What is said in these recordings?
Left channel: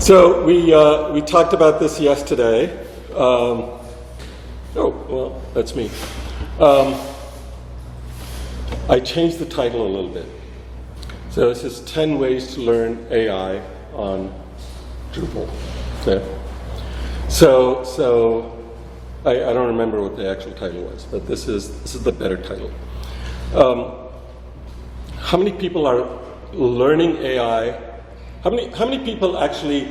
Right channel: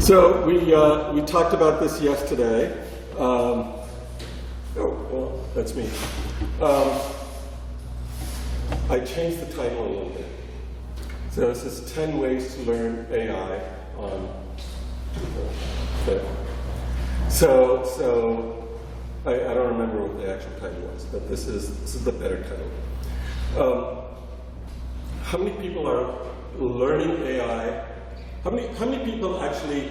So we talked about this yesterday. Oh, well, that's me. I changed the title a little bit. So this is 10 ways to learn AI on Drupal. Okay. So I don't remember what the actual title was, but this is the better title. How many people are learning AI? How many people actually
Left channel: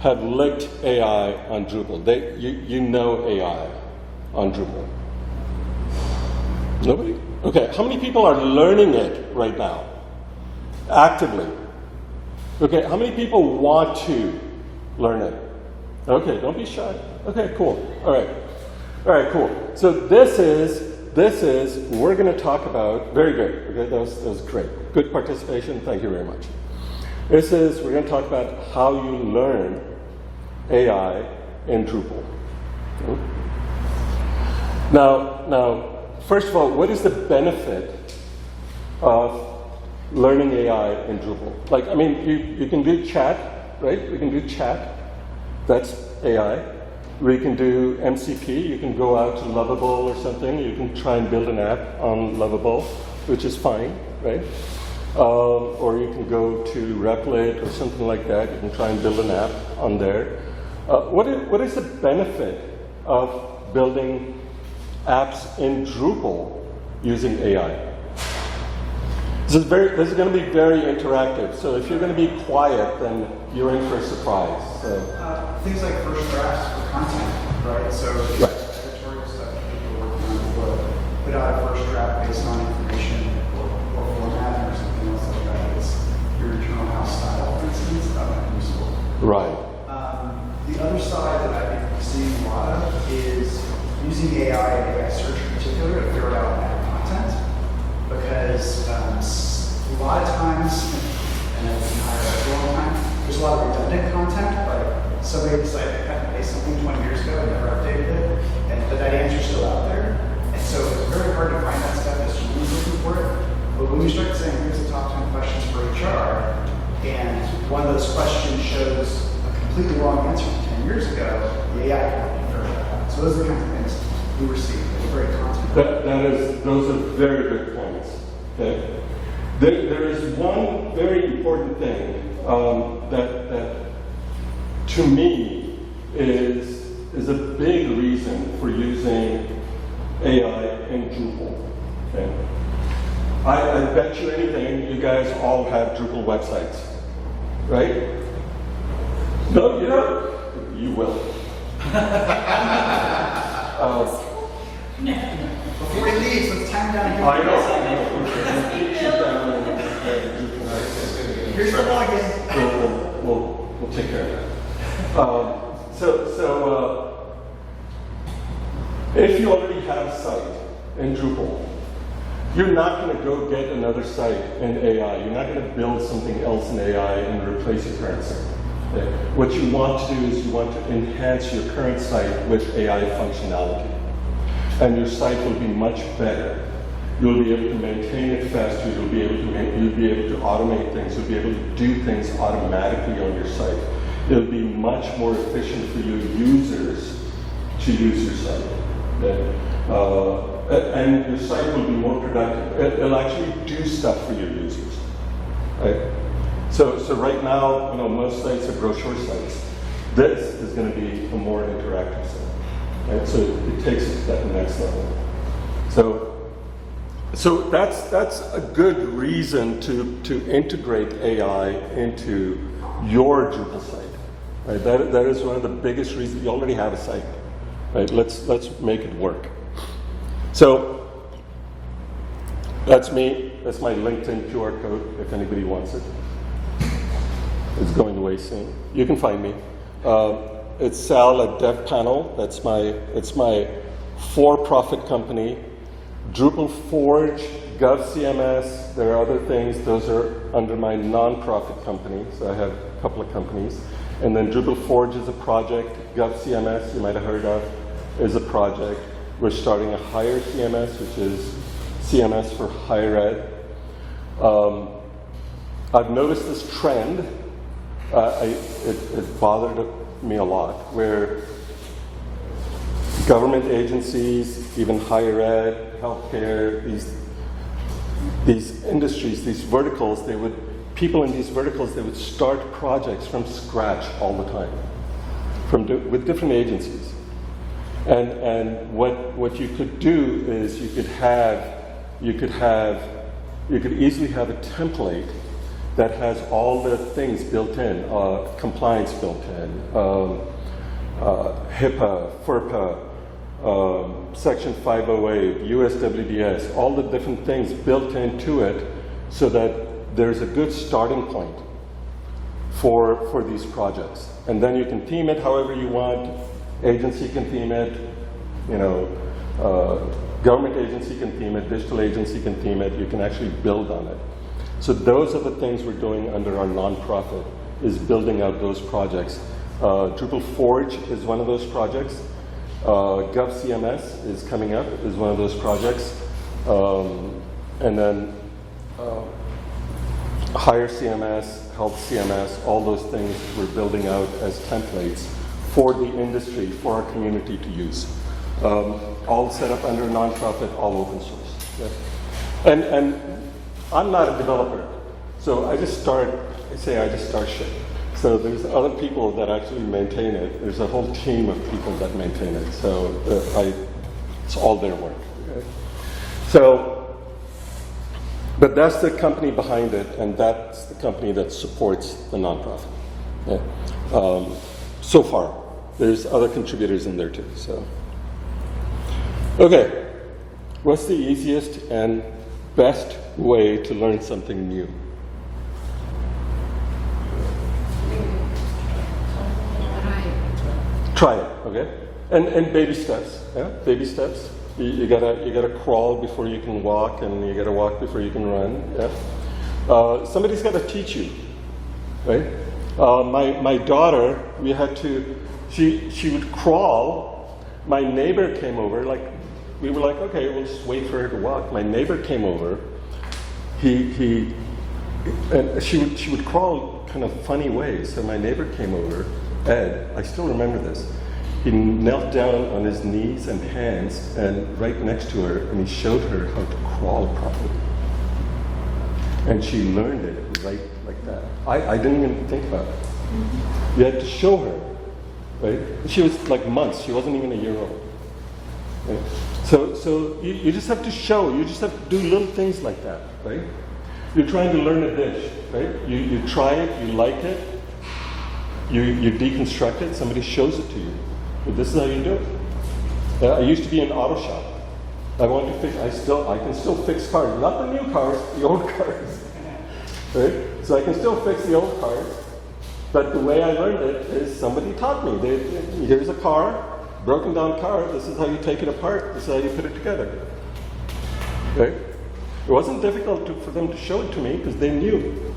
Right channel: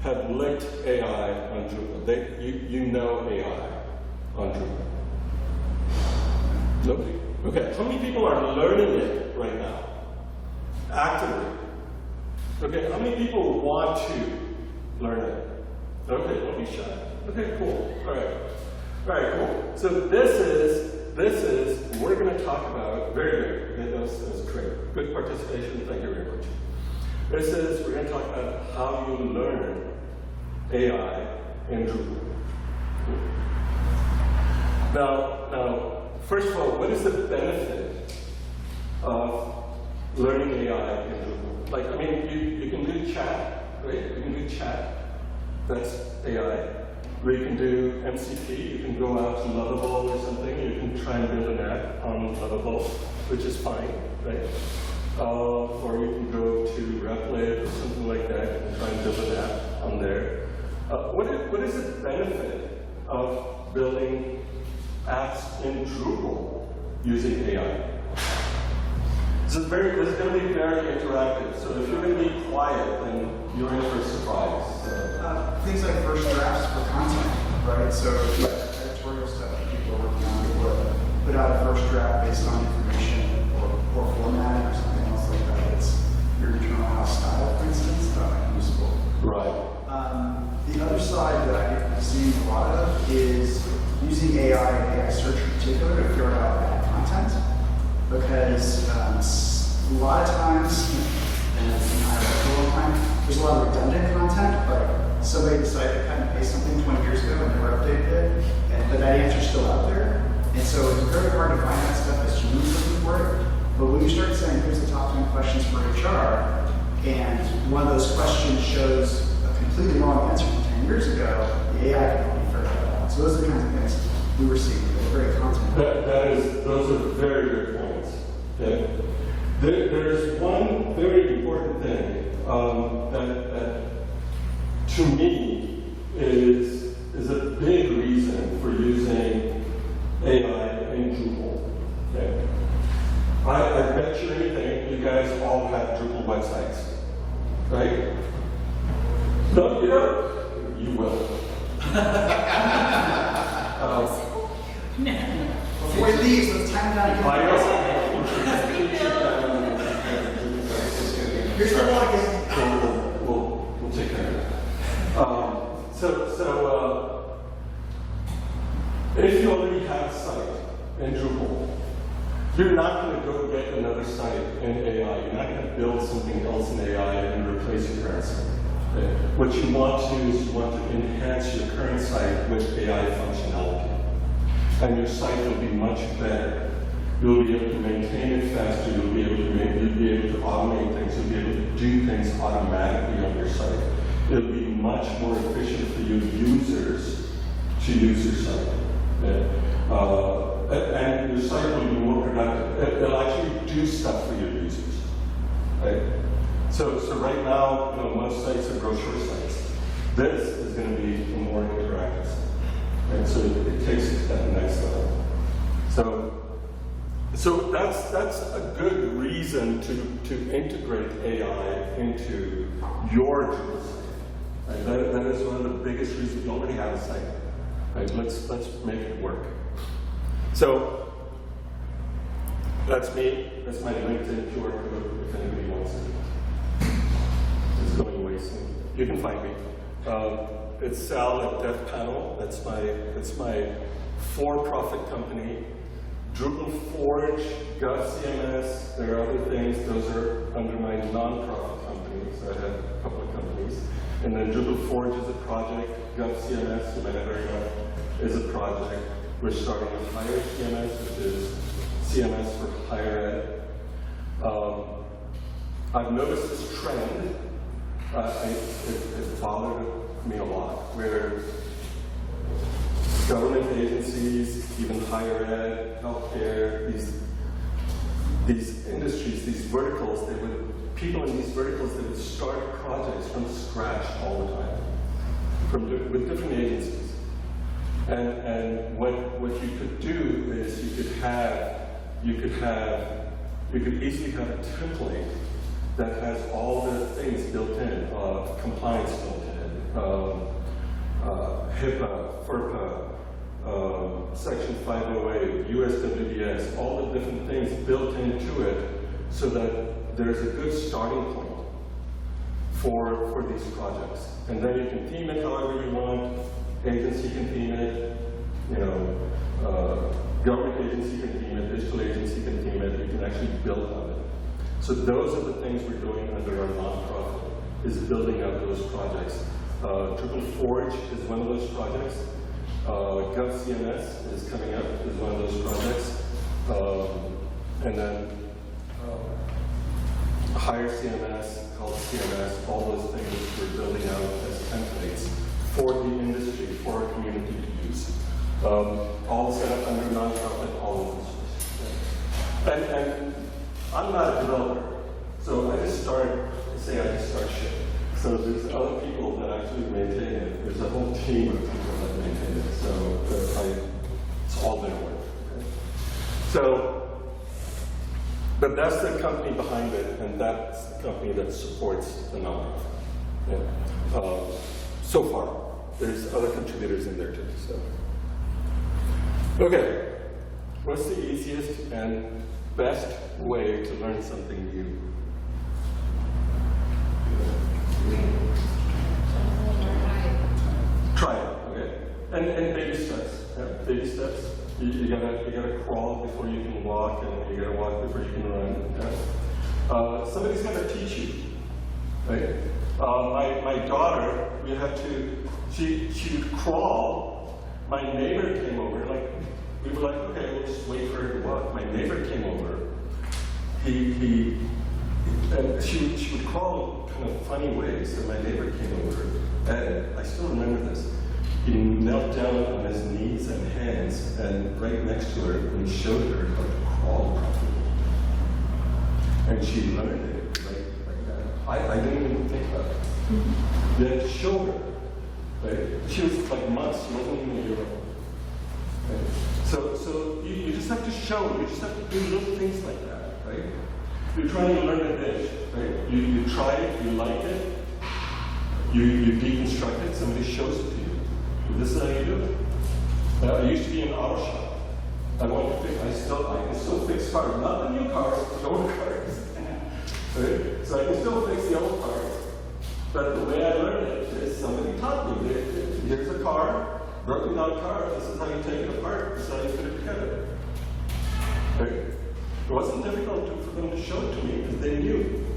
have licked AI on Drupal? You know AI on Drupal? Nobody? Okay. How many people are learning it right now? Actively? Okay. How many people want to learn it? Okay. Don't be shy. Okay. Cool. All right. Cool. So this is we're going to talk about. Very good. Okay, that was great. Good participation. Thank you very much. We're going to talk about how you learn AI in Drupal. Okay. Now, first of all, what is the benefit of learning AI in Drupal? Like, I mean, you can do chat, right? You can do chat. That's AI. Or you can do MCP. You can go out to Lovable or something. You can try and build an app on Lovable, which is fine, right? Or you can go to Replit or something like that. You can try and build an app on there. What is the benefit of building apps in Drupal using AI? This is going to be very interactive. So if you're going to be quiet, then you're in for a surprise. So. Things like first drafts for content, right? So editorial stuff that people are working on will put out a first draft based on information or format or something else like that. It's your internal house style, for instance, useful. Right. The other side that I'm seeing a lot of is using AI and AI search in particular to figure out bad content. Because a lot of times, and all the time, there's a lot of redundant content. Like somebody decided to cut and paste something 20 years ago and never updated it, and that answer's still out there. And so it's very hard to find that stuff as humans looking for it. But when you start saying, here's the top 10 questions for HR, and one of those questions shows a completely wrong answer from 10 years ago, the AI can help you figure that out. So those are the kinds of things we were seeing. They were very content. Those are very good points. Okay. There is one very important thing that to me is a big reason for using AI in Drupal. Okay. I bet you anything, you guys all have Drupal websites, right? No, you don't. You will. No. Before he leaves, let's time down. I know. Here's the one again. We'll take care of that. So if you already have a site in Drupal, you're not going to go get another site in AI. You're not going to build something else in AI and replace your current site. Okay? What you want to do is you want to enhance your current site with AI functionality. And your site will be much better. You'll be able to maintain it faster. You'll be able to automate things. You'll be able to do things automatically on your site. It'll be much more efficient for your users to use your site. Okay? And your site will be more productive. It'll actually do stuff for your users. Right? So right now, most sites are brochure sites. This is going to be a more interactive site. Right? So it takes it to that next level. So that's a good reason to integrate AI into your Drupal site. Right? That is one of the biggest reasons. You already have a site. Right? Let's make it work. So that's me. That's my LinkedIn QR code if anybody wants it. It's going away soon. You can find me. It's Sal at DevPanel. It's my for-profit company. DrupalForge, GovCMS, there are other things. Those are under my non-profit company. So I have a couple of companies. And then DrupalForge is a project. GovCMS, you might have heard of, is a project. We're starting a higher CMS, which is CMS for higher ed. I've noticed this trend it bothered me a lot, where government agencies, even higher ed, healthcare, these industries, these verticals, people in these verticals, they would start projects from scratch all the time, with different agencies. And what you could do is you could easily have a template that has all the things built in, compliance built in, HIPAA, FERPA, Section 508, USWDS, all the different things built into it so that there's a good starting point for these projects. And then you can theme it however you want. Agency can theme it, government agency can theme it, digital agency can theme it, you can actually build on it. So those are the things we're doing under our nonprofit, is building out those projects. DrupalForge is one of those projects. GovCMS is coming up, is one of those projects. And then Higher CMS, Health CMS, all those things we're building out as templates for the industry, for our community to use. All set up under nonprofit, all open source. Yeah. And I'm not a developer, so I just start shit. So there's other people that actually maintain it. There's a whole team of people that maintain it. So it's all their work. Right? So, but that's the company behind it, and that's the company that supports the nonprofit. Yeah. So far, there's other contributors in there too. So, okay, what's the easiest and best way to learn something new? Try it, okay? And baby steps, yeah? Baby steps. You gotta crawl before you can walk, and you gotta walk before you can run, yeah? Somebody's gotta teach you, right? My daughter, she would crawl. My neighbor came over, we were like, okay, we'll just wait for her to walk. My neighbor came over. She would crawl kind of funny ways. So my neighbor came over, and I still remember this. He knelt down on his knees and hands, and right next to her, and he showed her how to crawl properly. And she learned it right like that. I didn't even think about it. You had to show her, right? She was like months. She wasn't even a year old. Right? So you just have to show. You just have to do little things like that, right? You're trying to learn a dish, right? You try it, you like it, you deconstruct it, somebody shows it to you. But this is how you do it. I used to be in an auto shop. I can still fix cars, not the new cars, the old cars. Right? So I can still fix the old cars, but the way I learned it is somebody taught me. Here's a car, broken down car, this is how you take it apart, this is how you put it together. Right? It wasn't difficult for them to show it to me because they knew.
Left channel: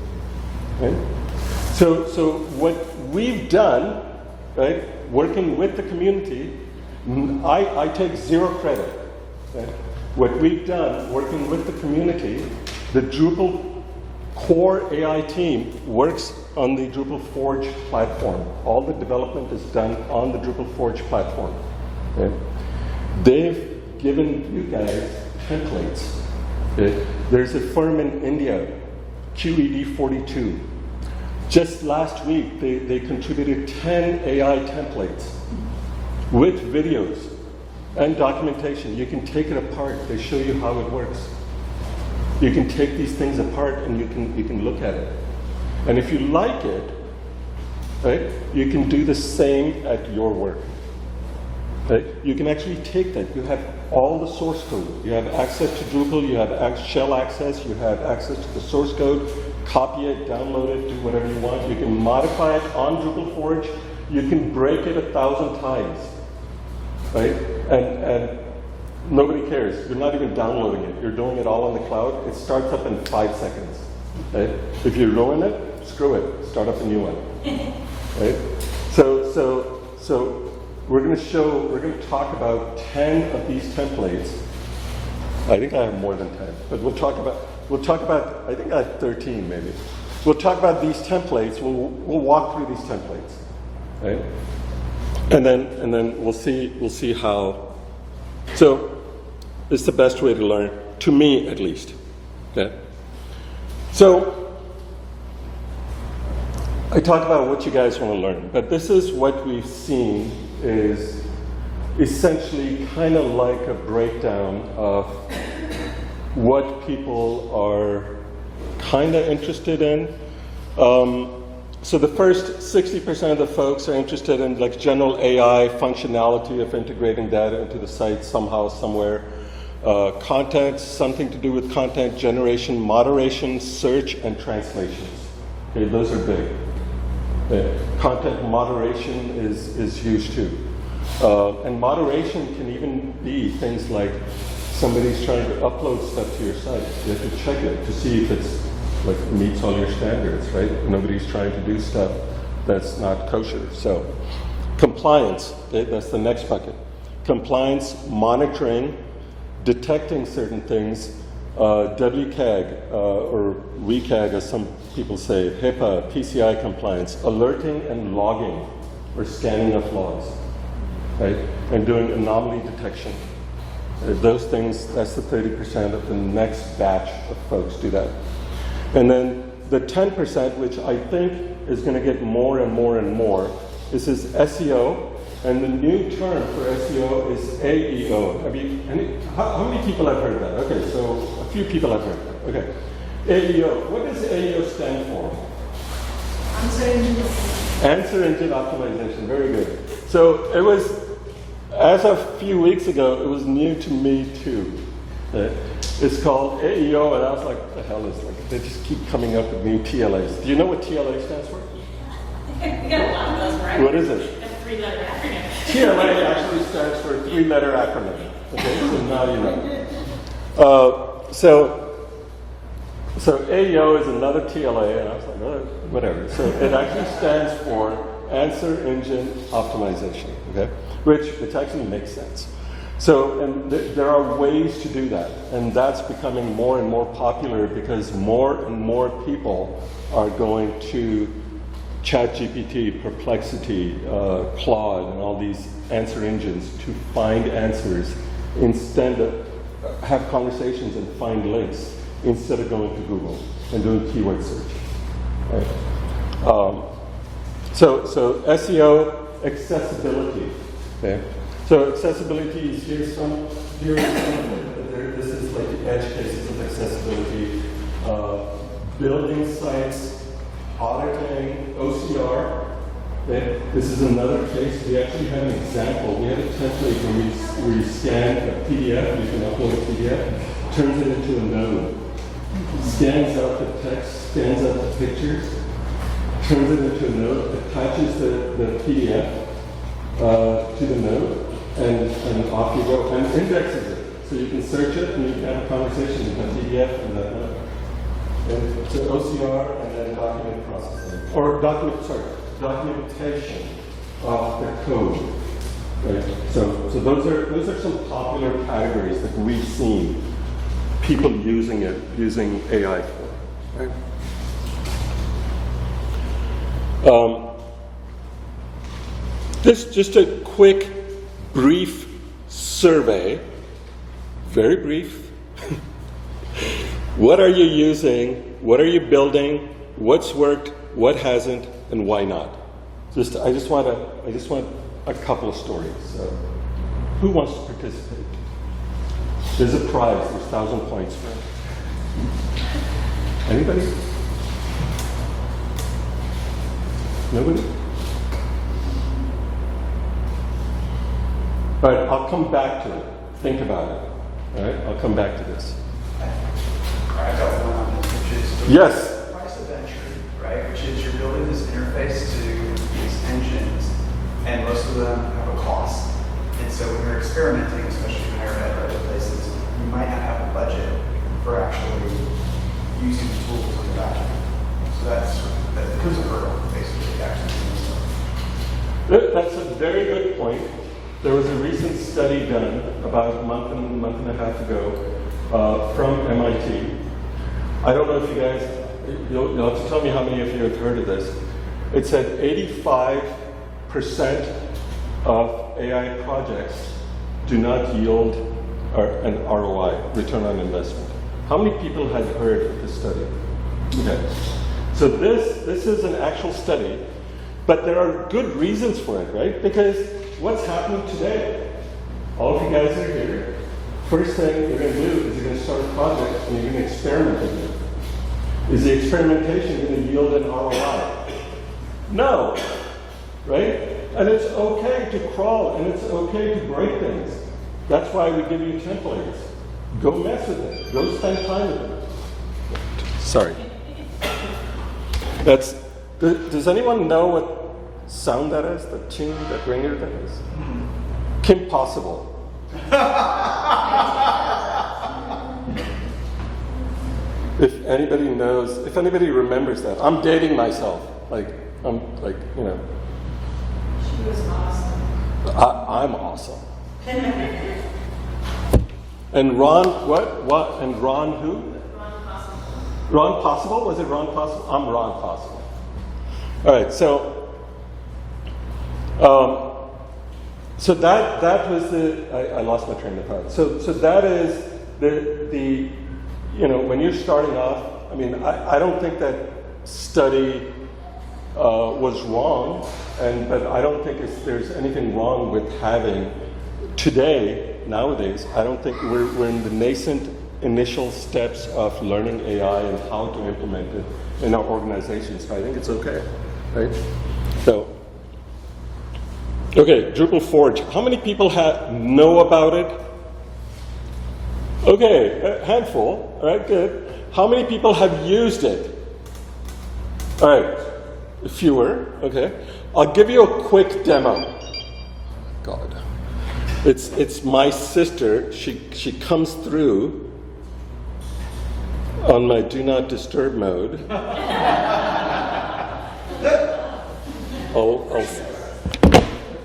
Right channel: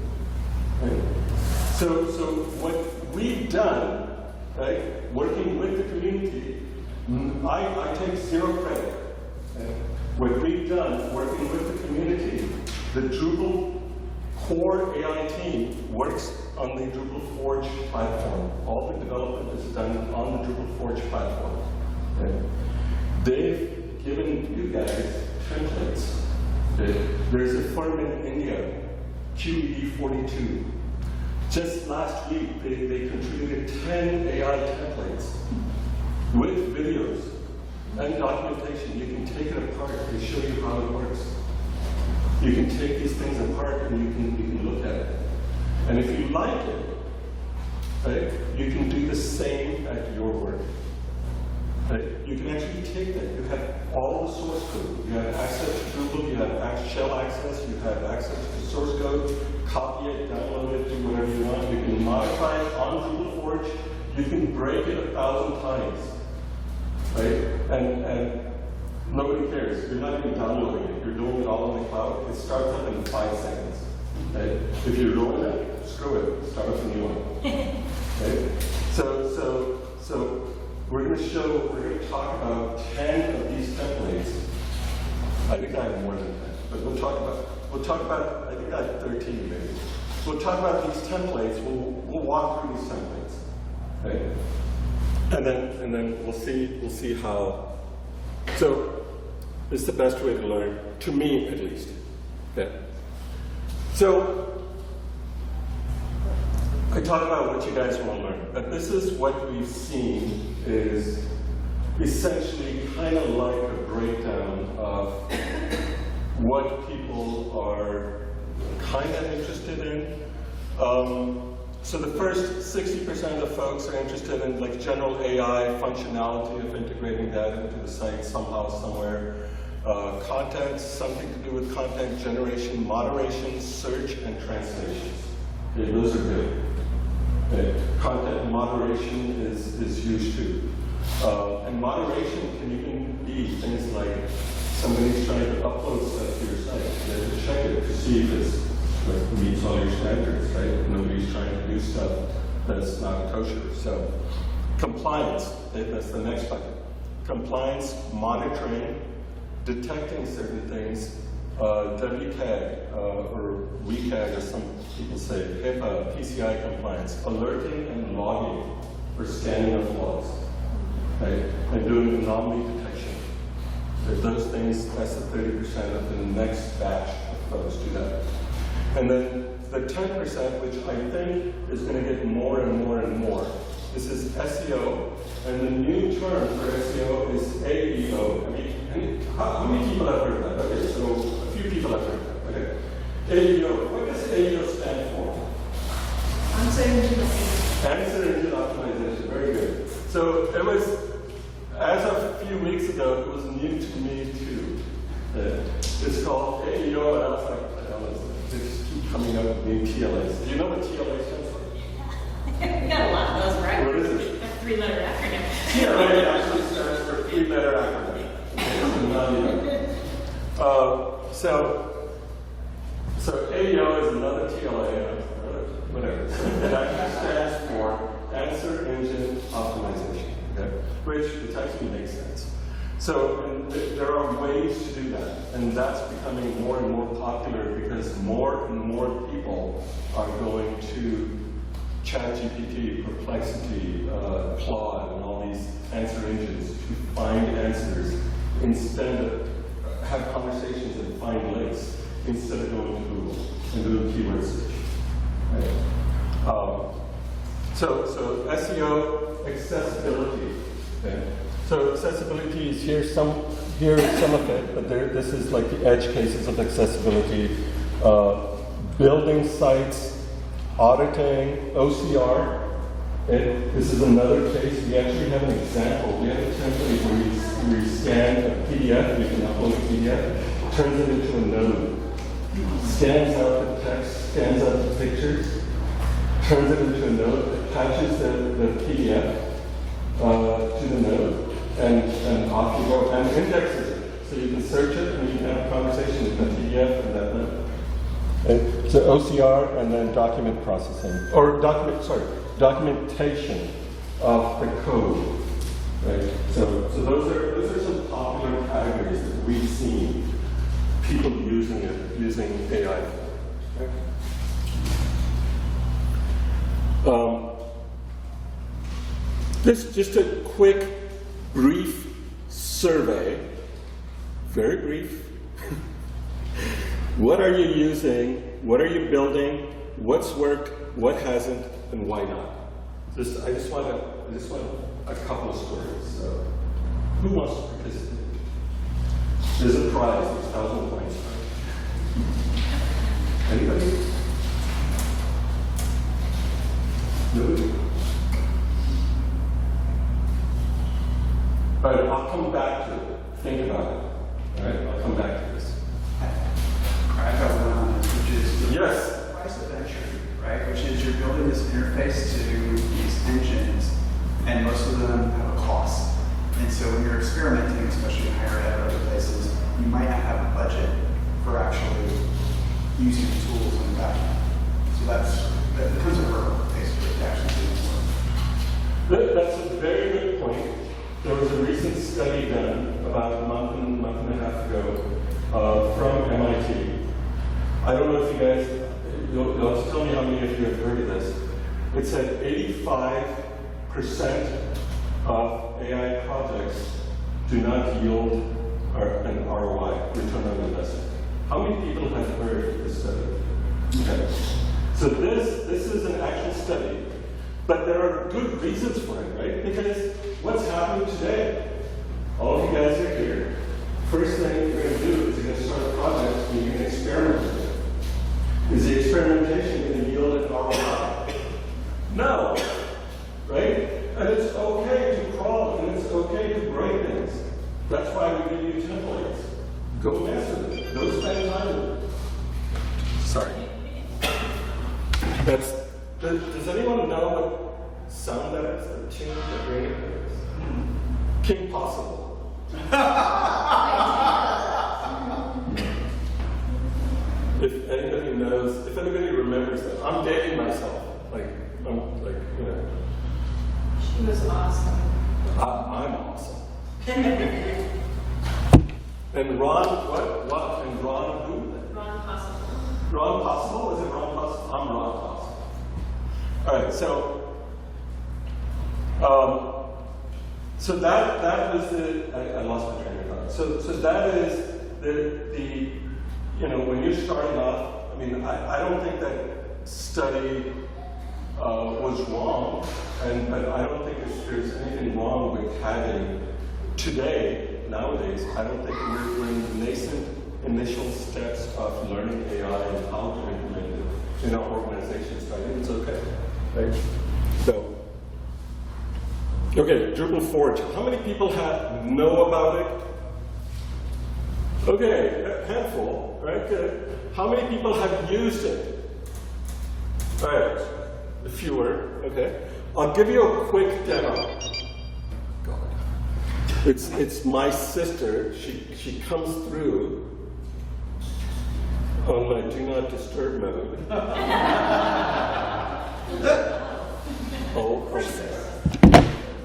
Right? So what we've done, right, working with the community, I take zero credit. Okay? What we've done working with the community, the Drupal core AI team works on the DrupalForge platform. All the development is done on the DrupalForge platform. Okay? They've given you guys templates. Okay? There's a firm in India, QED42. Just last week, they contributed 10 AI templates with videos and documentation. You can take it apart. They show you how it works. You can take these things apart and you can look at it. And if you like it, right, you can do the same at your work. Right? You can actually take that. You have all the source code. You have access to Drupal, you have shell access, you have access to the source code, copy it, download it, do whatever you want. You can modify it on DrupalForge. You can break it 1,000 times. Right? And nobody cares. You're not even downloading it. You're doing it all on the cloud. It starts up in 5 seconds. Right? If you ruin it, screw it. Start up a new one. Right? So we're going to talk about 10 of these templates. I think I have more than 10, but we'll talk about, I think I have 13 maybe. we'll talk about these templates. We'll walk through these templates, right? And then we'll see how. So it's the best way to learn, to me at least. Okay? So I talked about what you guys want to learn, but this is what we've seen is essentially kind of like a breakdown of what people are kind of interested in. So the first 60% of the folks are interested in like general AI functionality of integrating data into the site somehow, somewhere. Content, something to do with content generation, moderation, search, and translations. Okay, those are big. Content moderation is huge too. And moderation can even be things like somebody's trying to upload stuff to your site. You have to check it to see if it's like meets all your standards, right? Nobody's trying to do stuff that's not kosher. So compliance, okay, that's the next bucket. Compliance, monitoring, detecting certain things, WCAG, or WCAG as some people say, HIPAA, PCI compliance, alerting and logging, or scanning of logs, right? And doing anomaly detection. Those things, that's the 30% of the next batch of folks do that. And then the 10%, which I think is going to get more and more and more, this is SEO, and the new term for SEO is AEO. I mean, how many people have heard of that? Okay, so a few people have heard of that. Okay. AEO, what does AEO stand for? Answer engine optimization, very good. So it was, as of a few weeks ago, it was new to me too. It's called AEO, and I was like, what the hell is it? They just keep coming up with new TLAs. Do you know what TLA stands for? We got a lot of those, right? What is it? A three-letter acronym. TLA actually stands for a three-letter acronym. Okay, so now you know. So AEO is another TLA, and I was like, well, whatever. So it actually stands for Answer Engine Optimization, okay? Which actually makes sense. So, and there are ways to do that, and that's becoming more and more popular because more and more people are going to ChatGPT, Perplexity, Claude, and all these answer engines to find answers instead of have conversations and find links instead of going to Google and doing keyword search. Right. So SEO accessibility. Okay. So accessibility is here is some of it. But this is like the edge cases of accessibility. Building sites, auditing, OCR. Okay. This is another case. We actually have an example. We have a template where we scan a PDF. You can upload a PDF, turns it into a node, scans out the text, scans out the pictures, turns it into a node, attaches the PDF to the node, and off you go, and indexes it. So you can search it, and you can have a conversation with the PDF and that node. And so OCR, and then document processing, or documentation of the code. Right? So those are some popular categories that we've seen people using AI for. Right? This just a quick, brief survey, very brief. What are you using? What are you building? What's worked? What hasn't? And why not? I just want a couple of stories. So, who wants to participate? There's a prize. There's 1,000 points. Anybody? Nobody? All right, I'll come back to it. Think about it. All right, I'll come back to this. I've got one on this, which is yes. the price of entry, right? Which is you're building this interface to these engines, and most of them have a cost. And so when you're experimenting, especially in higher ed or other places, you might not have a budget for actually using the tools on the back end. So that becomes a hurdle, basically, to actually doing this. That's a very good point. There was a recent study done about a month and a half ago from MIT. I don't know if you guys, you'll have to tell me how many of you have heard of this. It said 85% of AI projects do not yield an ROI, return on investment. How many people have heard of this study? Okay. So this is an actual study, but there are good reasons for it, right? Because what's happening today? All of you guys are here. First thing you're going to do is you're going to start a project and you're going to experiment with it. Is the experimentation going to yield an ROI? No, right? And it's okay to crawl and it's okay to break things. That's why we give you templates. Go mess with it. Go spend time with it. Sorry. Does anyone know what sound that is? The tune, that ringer that is? Kim Possible. If anybody knows, if anybody remembers that, I'm dating myself. She was awesome. I'm awesome. And Ron, what? And Ron who? Ron Possible. Ron Possible? Was it Ron Possible? I'm Ron Possible. All right, so that was I lost my train of thought. So that is the when you're starting off, I mean, I don't think that study was wrong, but I don't think there's anything wrong with having nowadays, I don't think we're in the nascent initial steps of learning AI and how to implement it in our organizations. So I think it's okay, right? So, okay, DrupalForge. How many people know about it? Okay, a handful. All right, good. How many people have used it? All right, fewer. Okay, I'll give you a quick demo. God, it's my sister. She comes through on my do not disturb mode. Oh.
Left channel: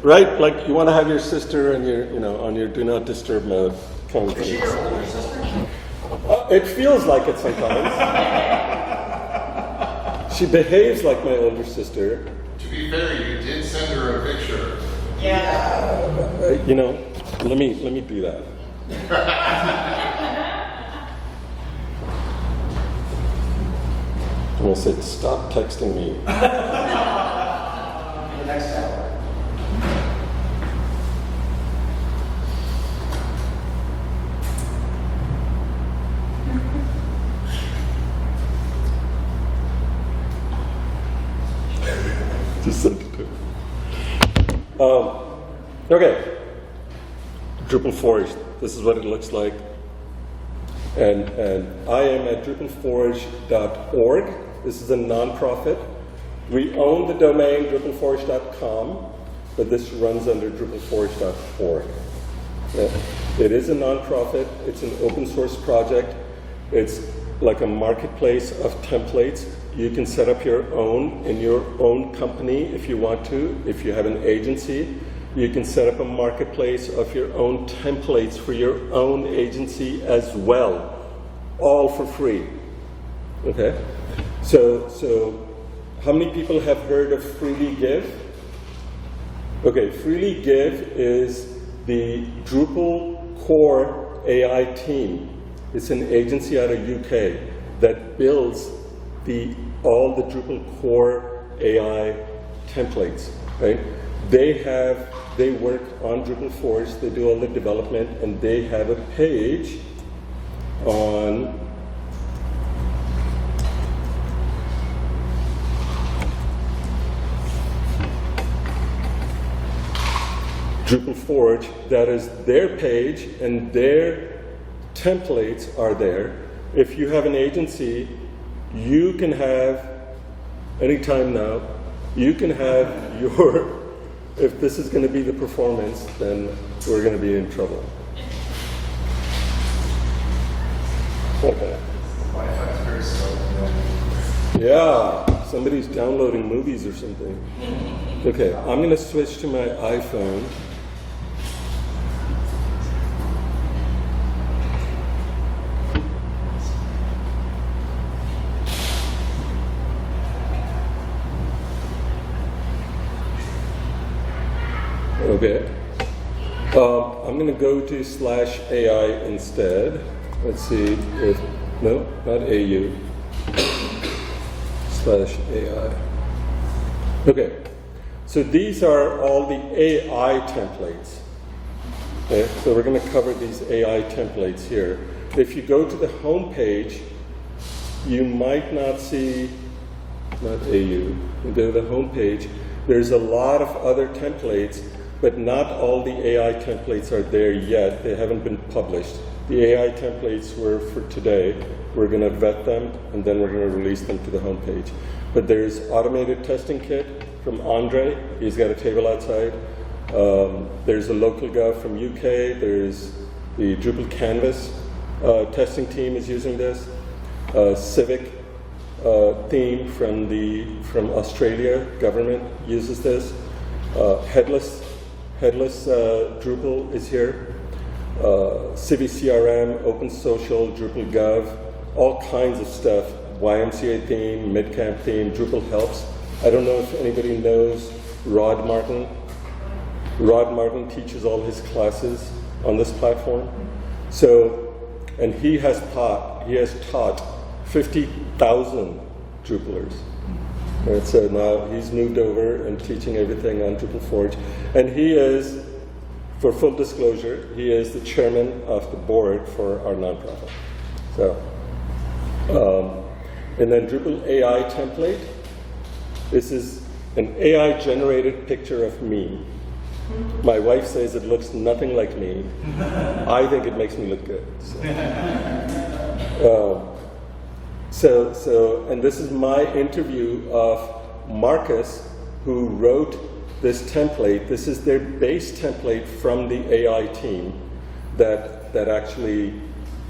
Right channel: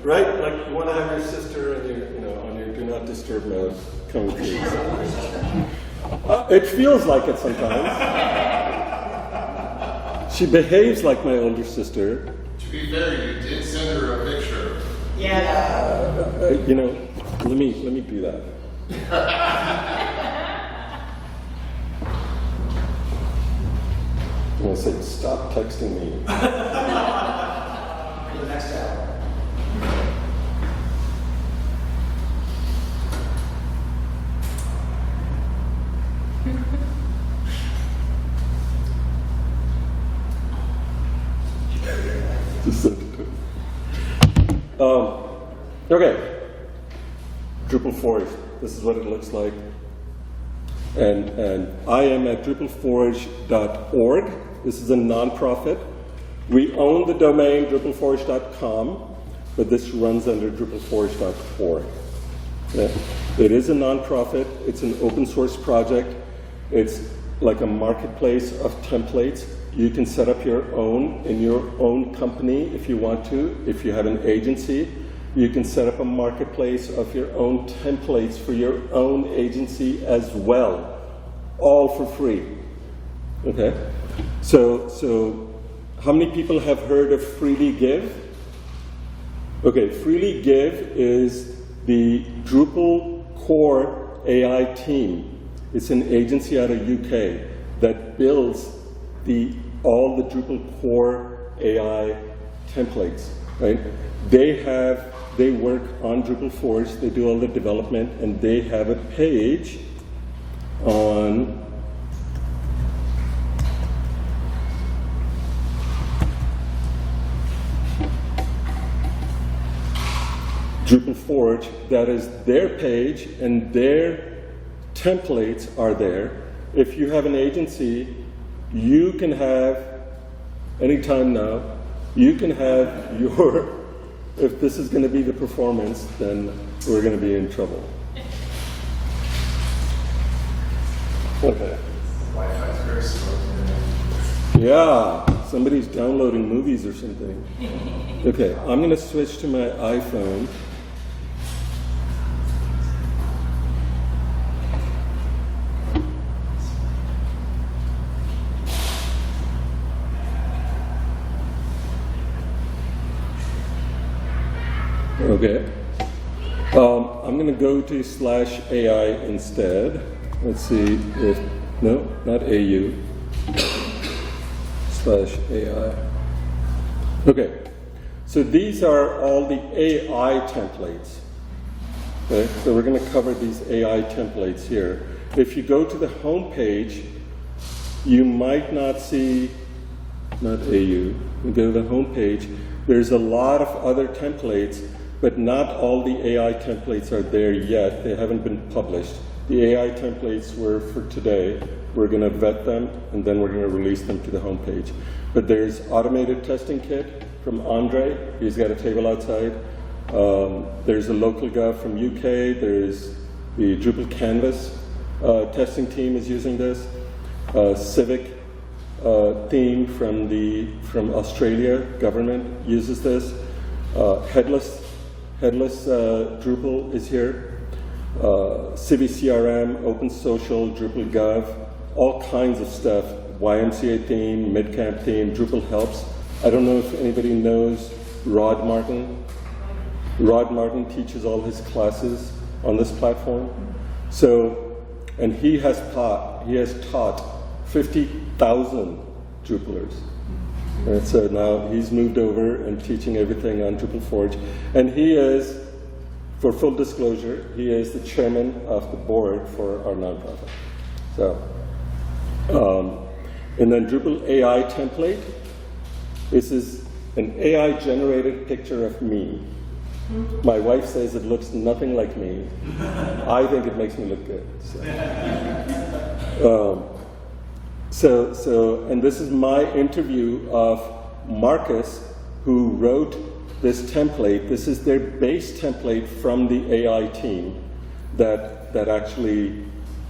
Right, like you want to have your sister and on your do not disturb mode coming through. It feels like it sometimes. She behaves like my older sister. To be fair, you did send her a picture. Yeah. Let me do that. I'm gonna say, stop texting me. Next step. Just send it to her. Okay. DrupalForge. This is what it looks like. And I am at DrupalForge.org. This is a nonprofit. We own the domain DrupalForge.com, but this runs under DrupalForge.org. Yeah. It is a nonprofit. It's an open source project. It's like a marketplace of templates. You can set up your own in your own company if you want to. If you have an agency, you can set up a marketplace of your own templates for your own agency as well, all for free. Okay? So how many people have heard of Freely Give? Okay, Freely Give is the Drupal core AI team. It's an agency out of UK that builds all the Drupal core AI templates, right? They work on DrupalForge, they do all the development, and they have a page on DrupalForge. That is their page, and their templates are there. If you have an agency, you can have, anytime now, you can have your, if this is going to be the performance, then we're going to be in trouble. Okay. Wi-Fi is very slow. Yeah, somebody's downloading movies or something. Okay, I'm going to switch to my iPhone. Okay. I'm going to go to /AI instead. Let's see if, no, not AU. /AI. Okay. So these are all the AI templates. Okay. So we're going to cover these AI templates here. If you go to the home page, you might not see, not AU. You go to the home page, there's a lot of other templates, but not all the AI templates are there yet. They haven't been published. The AI templates were for today. We're going to vet them, and then we're going to release them to the home page. But there's automated testing kit from Andre. He's got a table outside. There's a local gov from UK. There's the Drupal Canvas testing team is using this. Civic theme from Australia government uses this. Headless Drupal is here. CiviCRM, Open Social, Drupal Gov, all kinds of stuff. YMCA theme, Midcamp theme, Drupal Helps. I don't know if anybody knows Rod Martin. Rod Martin teaches all his classes on this platform. So, and he has taught 50,000 Drupalers. And so now he's moved over and teaching everything on DrupalForge. And he is, for full disclosure, he is the chairman of the board for our nonprofit. So, and then Drupal AI template. This is an AI-generated picture of me. My wife says it looks nothing like me. I think it makes me look good. So, and this is my interview of Marcus, who wrote this template. This is their base template from the AI team that actually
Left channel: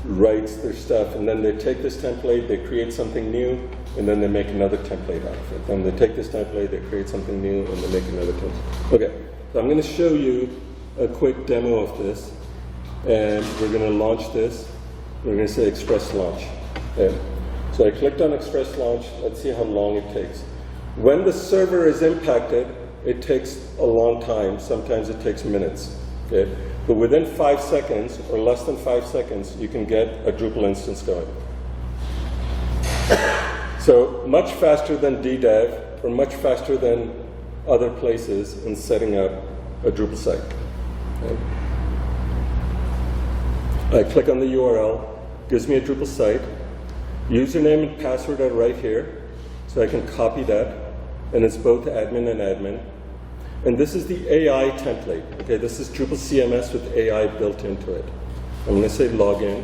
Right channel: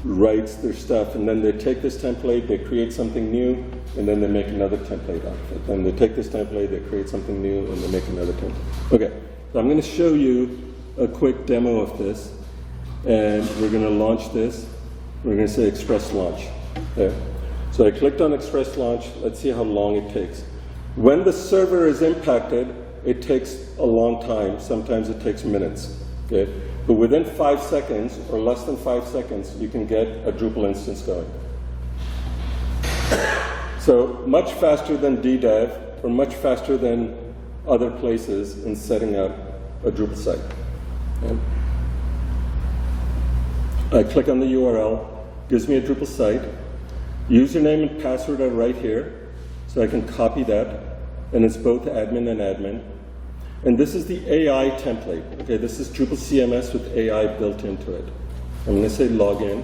writes their stuff. And then they take this template, they create something new, and then they make another template out of it. Then they take this template, they create something new, and they make another template. Okay, so I'm going to show you a quick demo of this, and we're going to launch this. We're going to say Express Launch. Okay. So I clicked on Express Launch. Let's see how long it takes. When the server is impacted, it takes a long time. Sometimes it takes minutes. Okay? But within 5 seconds, or less than 5 seconds, you can get a Drupal instance going. So much faster than DDEV, or much faster than other places in setting up a Drupal site. Okay? I click on the URL, gives me a Drupal site. Username and password are right here, so I can copy that, and it's both admin and admin. And this is the AI template. Okay, this is Drupal CMS with AI built into it. I'm going to say login.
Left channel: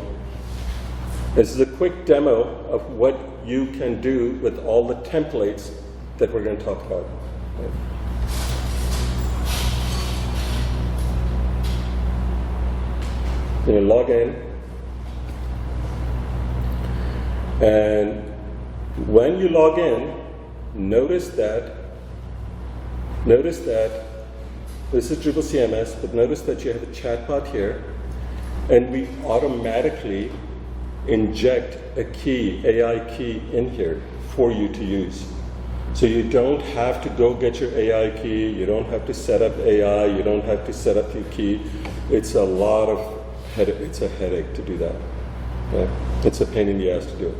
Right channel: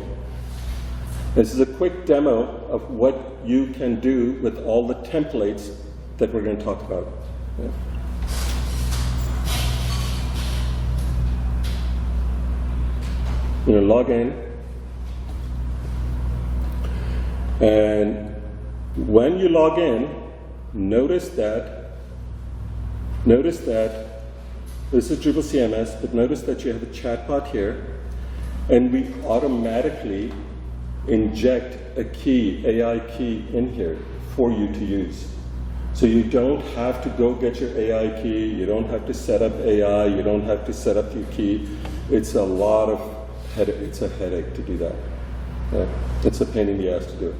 This is a quick demo of what you can do with all the templates that we're going to talk about. Okay. You know, log in. And when you log in, notice that this is Drupal CMS, but notice that you have a chatbot here, and we automatically inject a key, AI key in here for you to use. So you don't have to go get your AI key, you don't have to set up AI, you don't have to set up your key. It's a lot of it's a headache to do that. Okay? It's a pain in the ass to do it.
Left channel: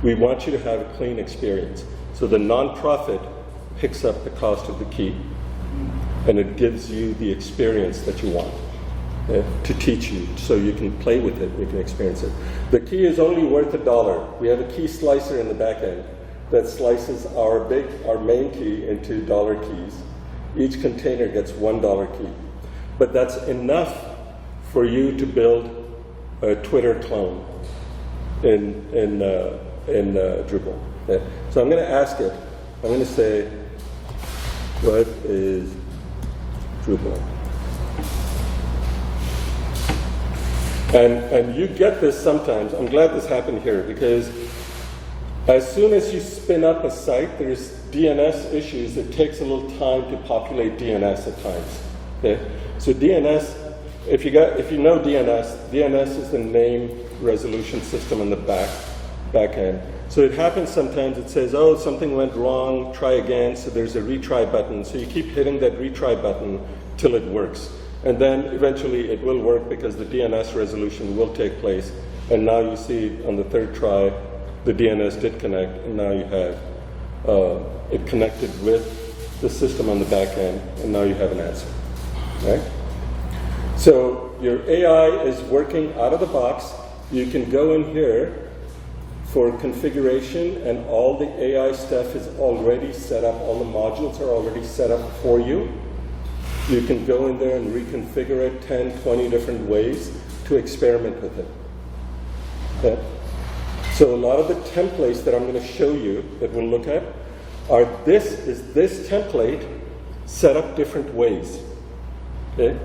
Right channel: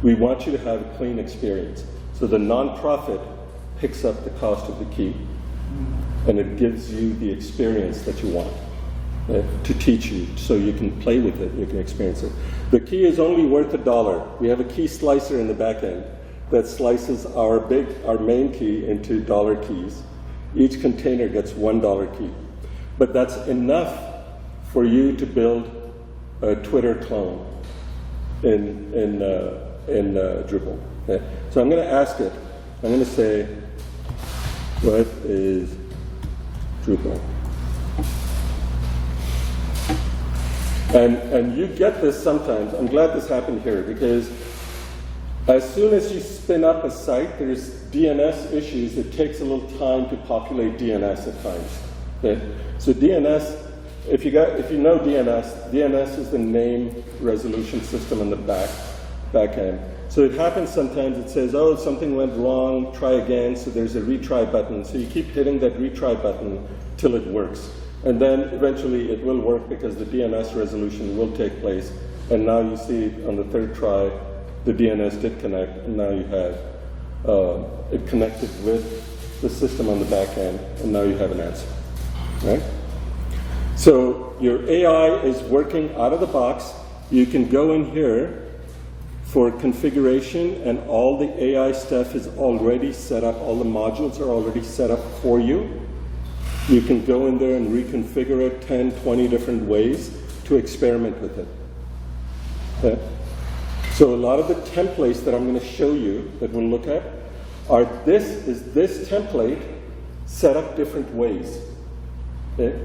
We want you to have a clean experience. So the nonprofit picks up the cost of the key, and it gives you the experience that you want to teach you, so you can play with it, you can experience it. The key is only worth $1. We have a key slicer in the back end that slices our main key into dollar keys. Each container gets $1 key. But that's enough for you to build a Twitter clone in Drupal. Okay. So I'm going to ask it. I'm going to say, what is Drupal? And you get this sometimes. I'm glad this happened here, because as soon as you spin up a site, there's DNS issues. It takes a little time to populate DNS at times. Okay? So DNS, if you know DNS is the name resolution system in the back end. So it happens sometimes, it says, oh, something went wrong, try again, so there's a retry button. So you keep hitting that retry button till it works. And then eventually it will work because the DNS resolution will take place. And now you see on the third try, the DNS did connect, and now you have it connected with the system on the back end, and now you have an answer, right? So your AI is working out of the box. You can go in here for configuration, and all the AI stuff is already set up. All the modules are already set up for you. You can go in there and reconfigure it 10, 20 different ways to experiment with it. Okay? So a lot of the templates that I'm going to show you that we'll look at are this template set up different ways. Okay?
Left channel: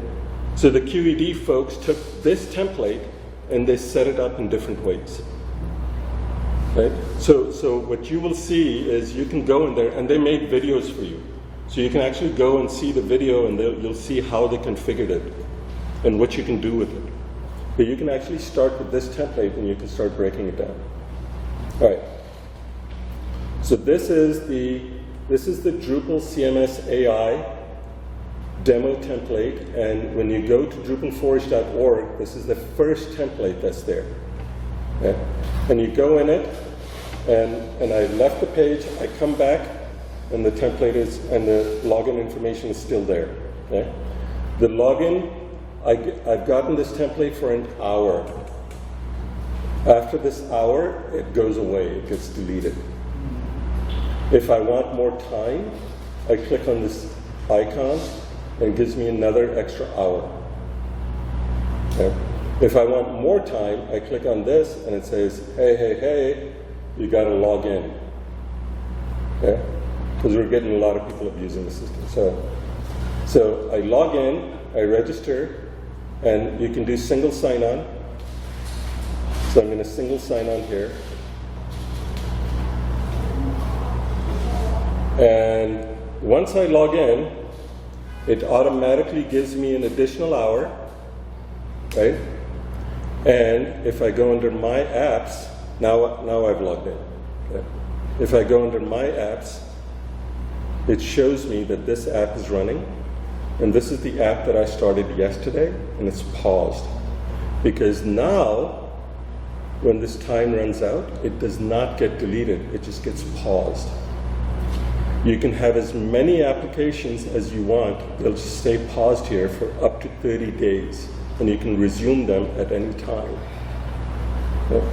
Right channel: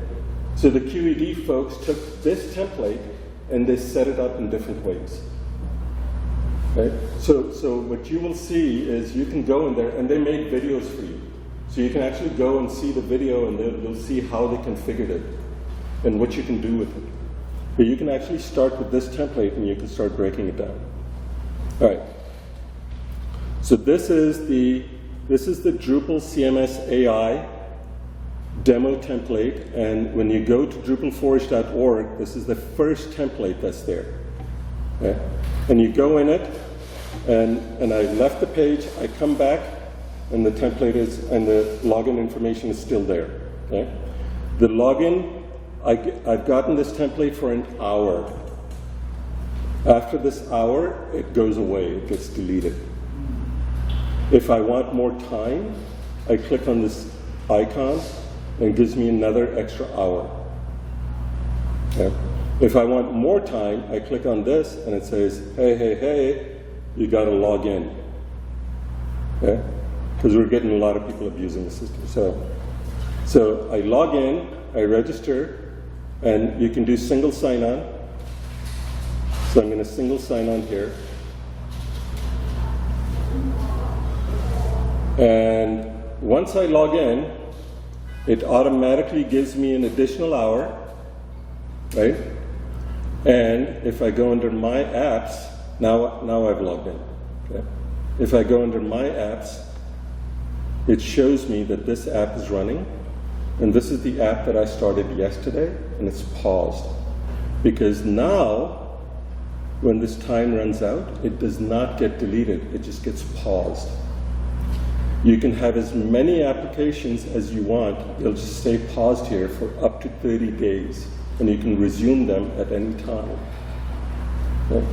So the QED folks took this template and they set it up in different ways. Right? So what you will see is you can go in there, and they made videos for you. So you can actually go and see the video, and you'll see how they configured it and what you can do with it. But you can actually start with this template and you can start breaking it down. All right. So this is the Drupal CMS AI demo template, and when you go to DrupalForge.org, this is the first template that's there. Okay? And you go in it, and I left the page, I come back, and the template is, and the login information is still there. Okay? The login, I've gotten this template for an hour. After this hour, it goes away, it gets deleted. If I want more time, I click on this icon, and it gives me another extra hour. Okay? If I want more time, I click on this, and it says, hey, you got to log in. Okay? Because we're getting a lot of people abusing the system. So I log in, I register, and you can do single sign-on. So I'm going to single sign-on here. And once I log in, it automatically gives me an additional hour, right? And if I go under My Apps, now I've logged in. Okay? If I go under My Apps, it shows me that this app is running, and this is the app that I started yesterday, and it's paused. Because now, when this time runs out, it does not get deleted, it just gets paused. You can have as many applications as you want. They'll just stay paused here for up to 30 days, and you can resume them at any time. Okay?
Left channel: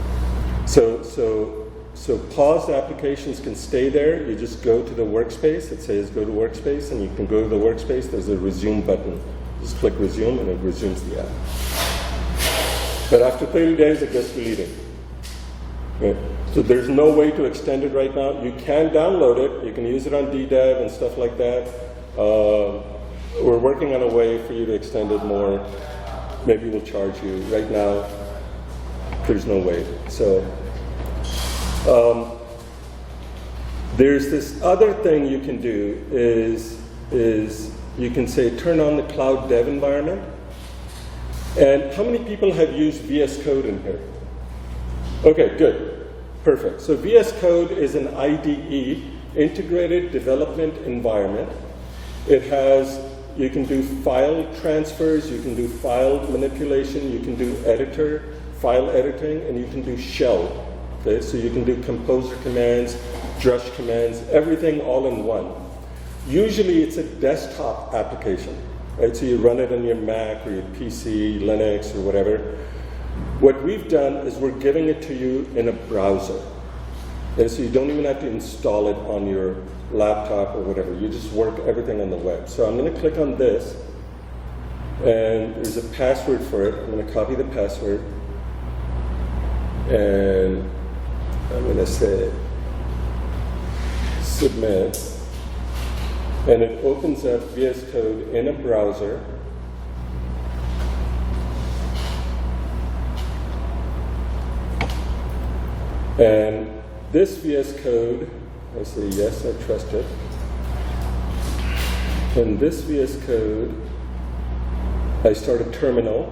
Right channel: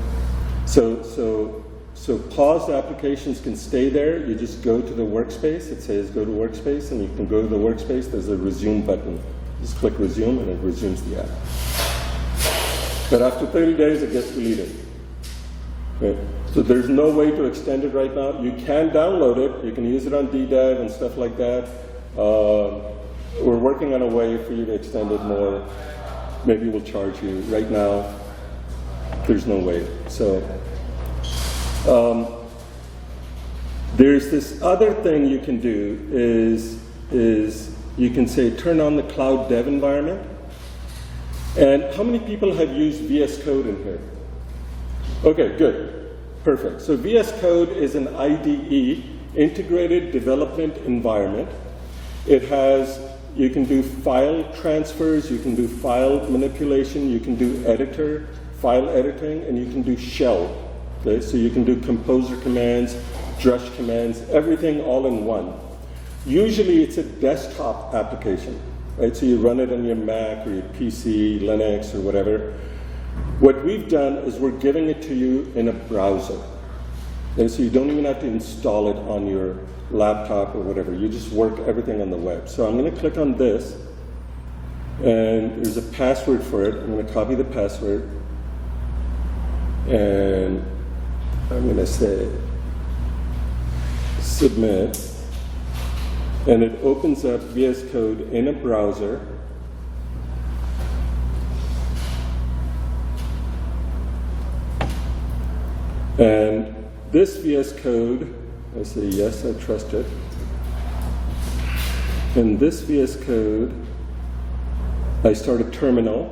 So paused applications can stay there. You just go to the workspace. It says go to workspace, and you can go to the workspace. There's a resume button. Just click resume, and it resumes the app. But after 30 days, it gets deleted. Okay? So there's no way to extend it right now. You can download it. You can use it on DDev and stuff like that. We're working on a way for you to extend it more. Maybe we'll charge you. Right now, there's no way. So there's this other thing you can do is you can say turn on the cloud dev environment. And how many people have used VS Code in here? Okay, good. Perfect. So VS Code is an IDE, integrated development environment. It has, you can do file transfers, you can do file manipulation, you can do file editing, and you can do shell. Okay, so you can do composer commands, drush commands, everything all in one. Usually it's a desktop application, right? So you run it on your Mac or your PC, Linux, or whatever. What we've done is we're giving it to you in a browser. And so you don't even have to install it on your laptop or whatever. You just work everything on the web. So I'm going to click on this, and there's a password for it. I'm going to copy the password, and I'm going to say submit, and it opens up VS Code in a browser. And this VS Code, I say yes, I trust it. And this VS Code, I start a terminal.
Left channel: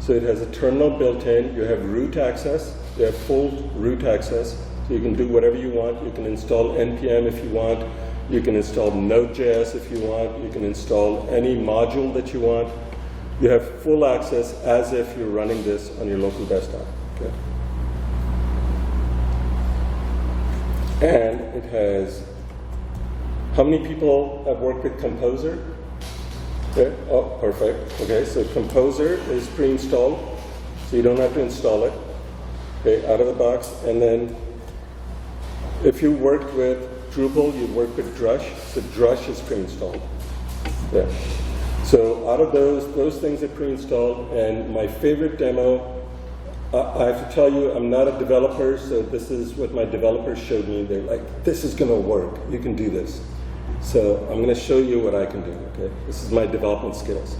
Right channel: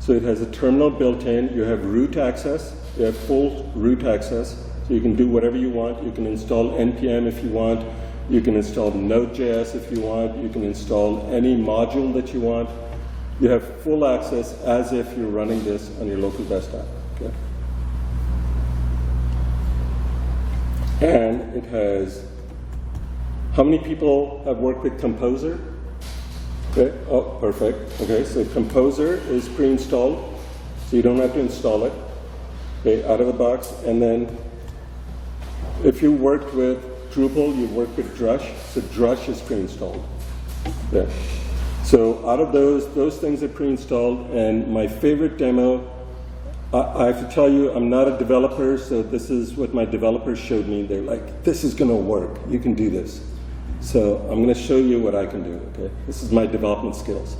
So it has a terminal built in. You have root access. You have full root access. So you can do whatever you want. You can install NPM if you want. You can install Node.js if you want. You can install any module that you want. You have full access as if you're running this on your local desktop. Okay? And it has, how many people have worked with Composer? Okay. Oh, perfect. Okay, so Composer is pre-installed, so you don't have to install it. Okay, out of the box. And then if you worked with Drupal, you worked with Drush, so Drush is pre-installed. Yeah. So out of those things are pre-installed, and my favorite demo, I have to tell you, I'm not a developer, so this is what my developers showed me. They're like, this is going to work. You can do this. So I'm going to show you what I can do. Okay, this is my development skills.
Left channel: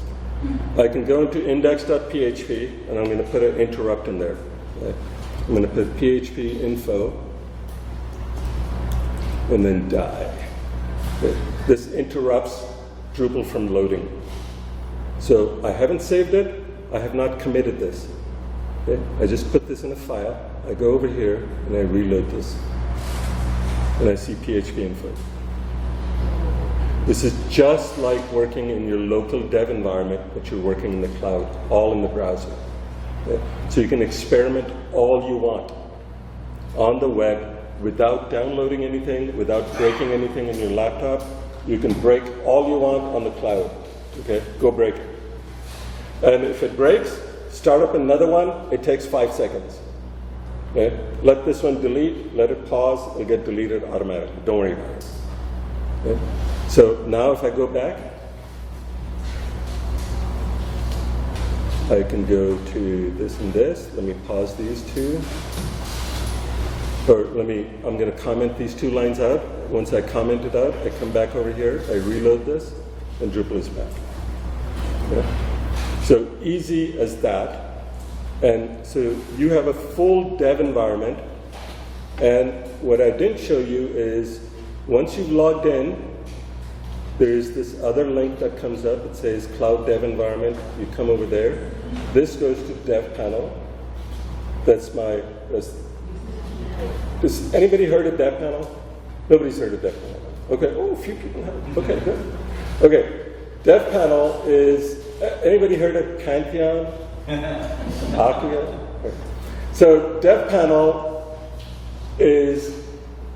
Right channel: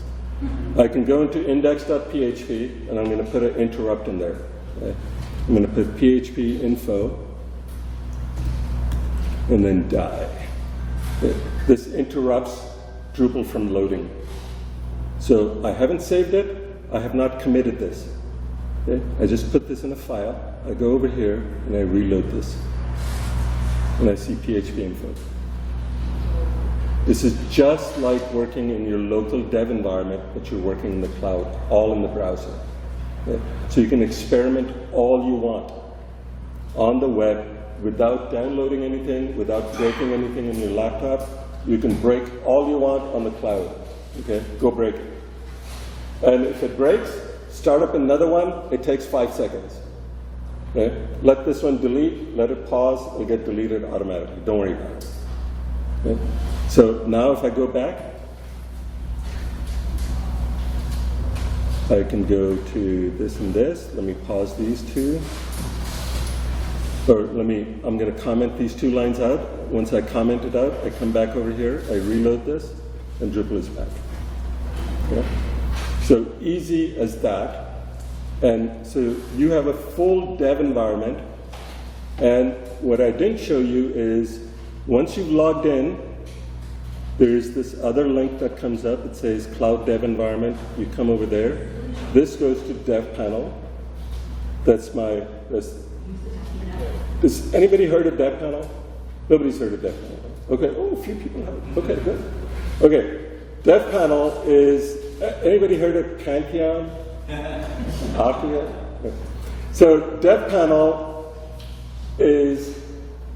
I can go into index.php, and I'm going to put an interrupt in there. Okay? I'm going to put PHP info, and then die. Okay? This interrupts Drupal from loading. So I haven't saved it. I have not committed this. Okay? I just put this in a file. I go over here, and I reload this. And I see PHP info. This is just like working in your local dev environment, but you're working in the cloud, all in the browser. Okay? So you can experiment all you want on the web without downloading anything, without breaking anything in your laptop. You can break all you want on the cloud. Okay? Go break it. And if it breaks, start up another one. It takes 5 seconds. Okay? Let this one delete, let it pause, it'll get deleted automatically. Don't worry about it. Okay? So now if I go back, I can go to this and this. Let me pause these two. Or I'm going to comment these 2 lines out. Once I comment it out, I come back over here, I reload this, and Drupal is back. Okay? So easy as that. And so you have a full dev environment. And what I didn't show you is once you've logged in, there's this other link that comes up. It says Cloud Dev Environment. You come over there. This goes to Dev Panel. Has anybody heard of Dev Panel? Nobody's heard of Dev Panel. Okay. Oh, a few people have. Okay, good. Okay. Dev Panel is, anybody heard of Pantheon? Acquia? Okay. So Dev Panel is